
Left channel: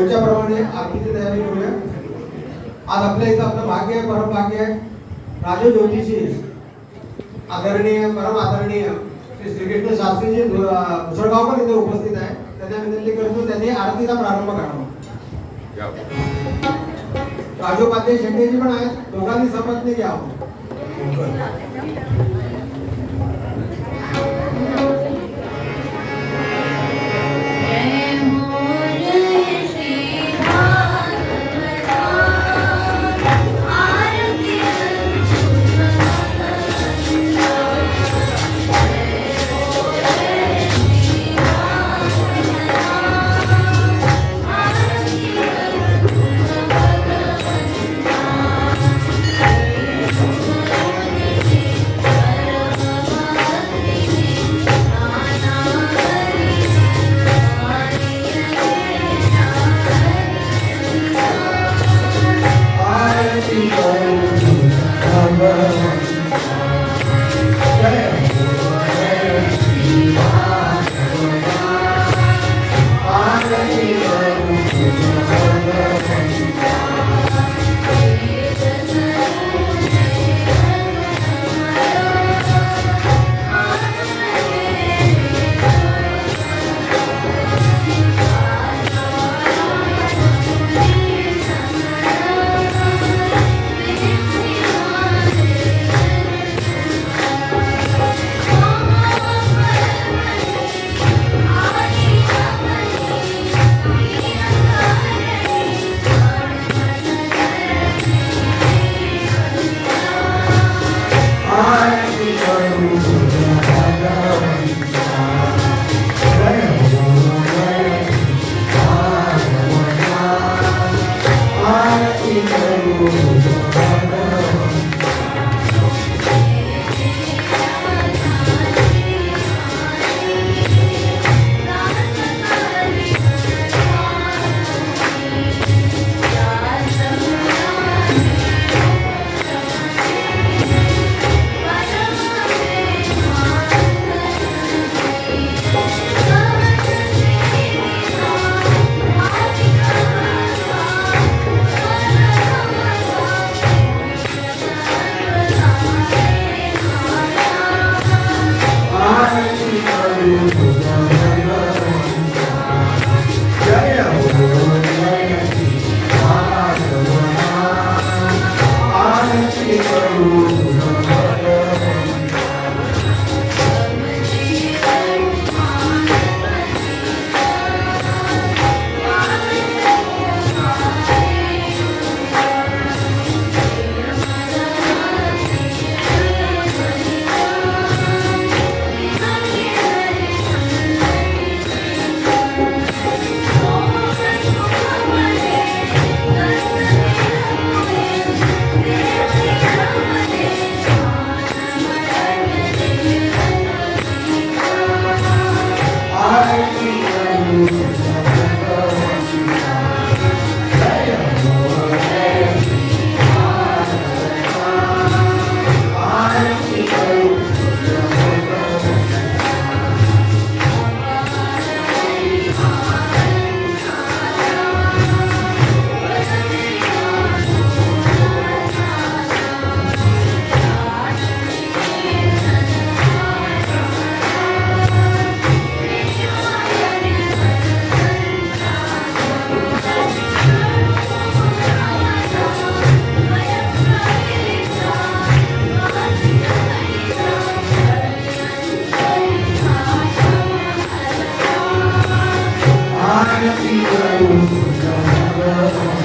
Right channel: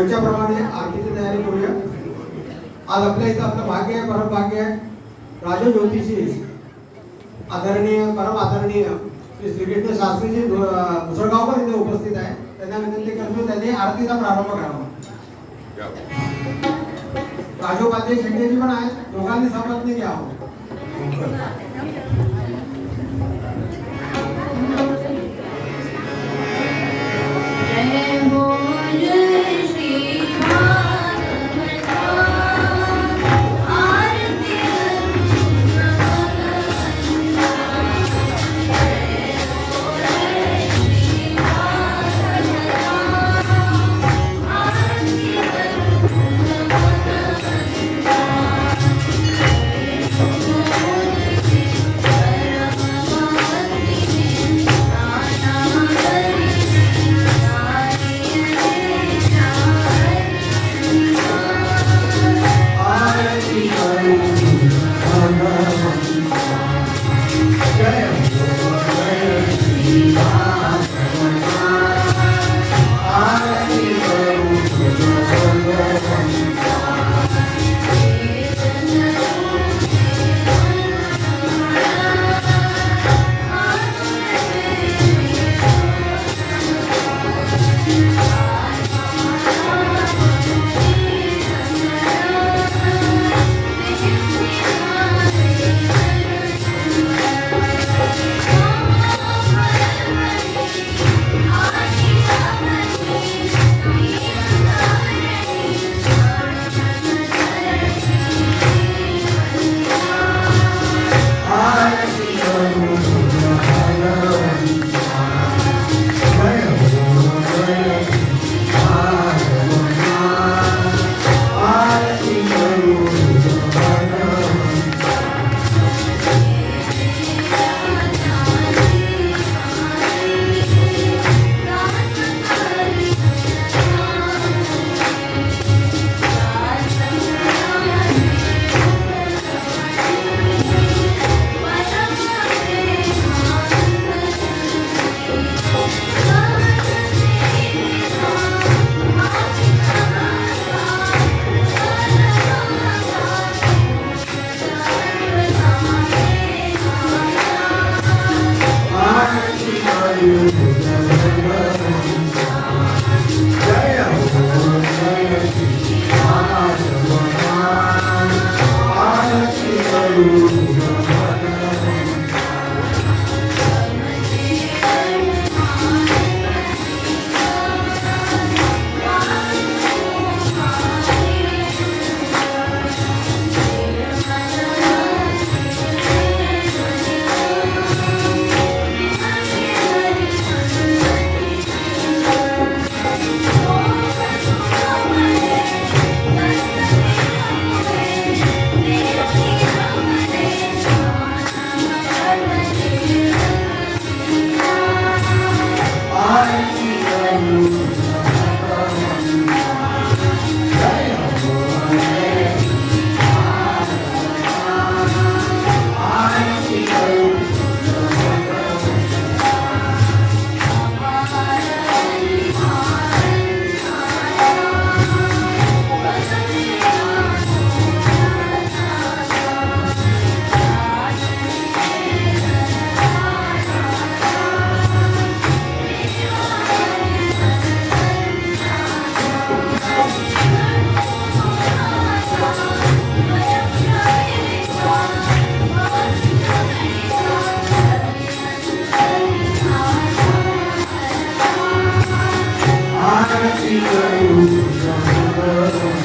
रोजच्याप्रमाणे आरतीची तयारी करूया. आज आपल्या इथं आपलं भाग्य आहे, परम भाग्य आहे. राजू ज्योतिषी आदरणीय परम आदरणीय श्री श्रीकृष्ण शास्त्रीजी मुसळगावकर इथे उपस्थित आहे. त्यांना विनंती करतो त्यांनी आरतीचा प्रारंभ करावा. राजोपाध्याय शेट्टीजी पण आहेत, दोघांनी शपथने घ्यावं. जय हो जय श्री भागवता आरती Thank you.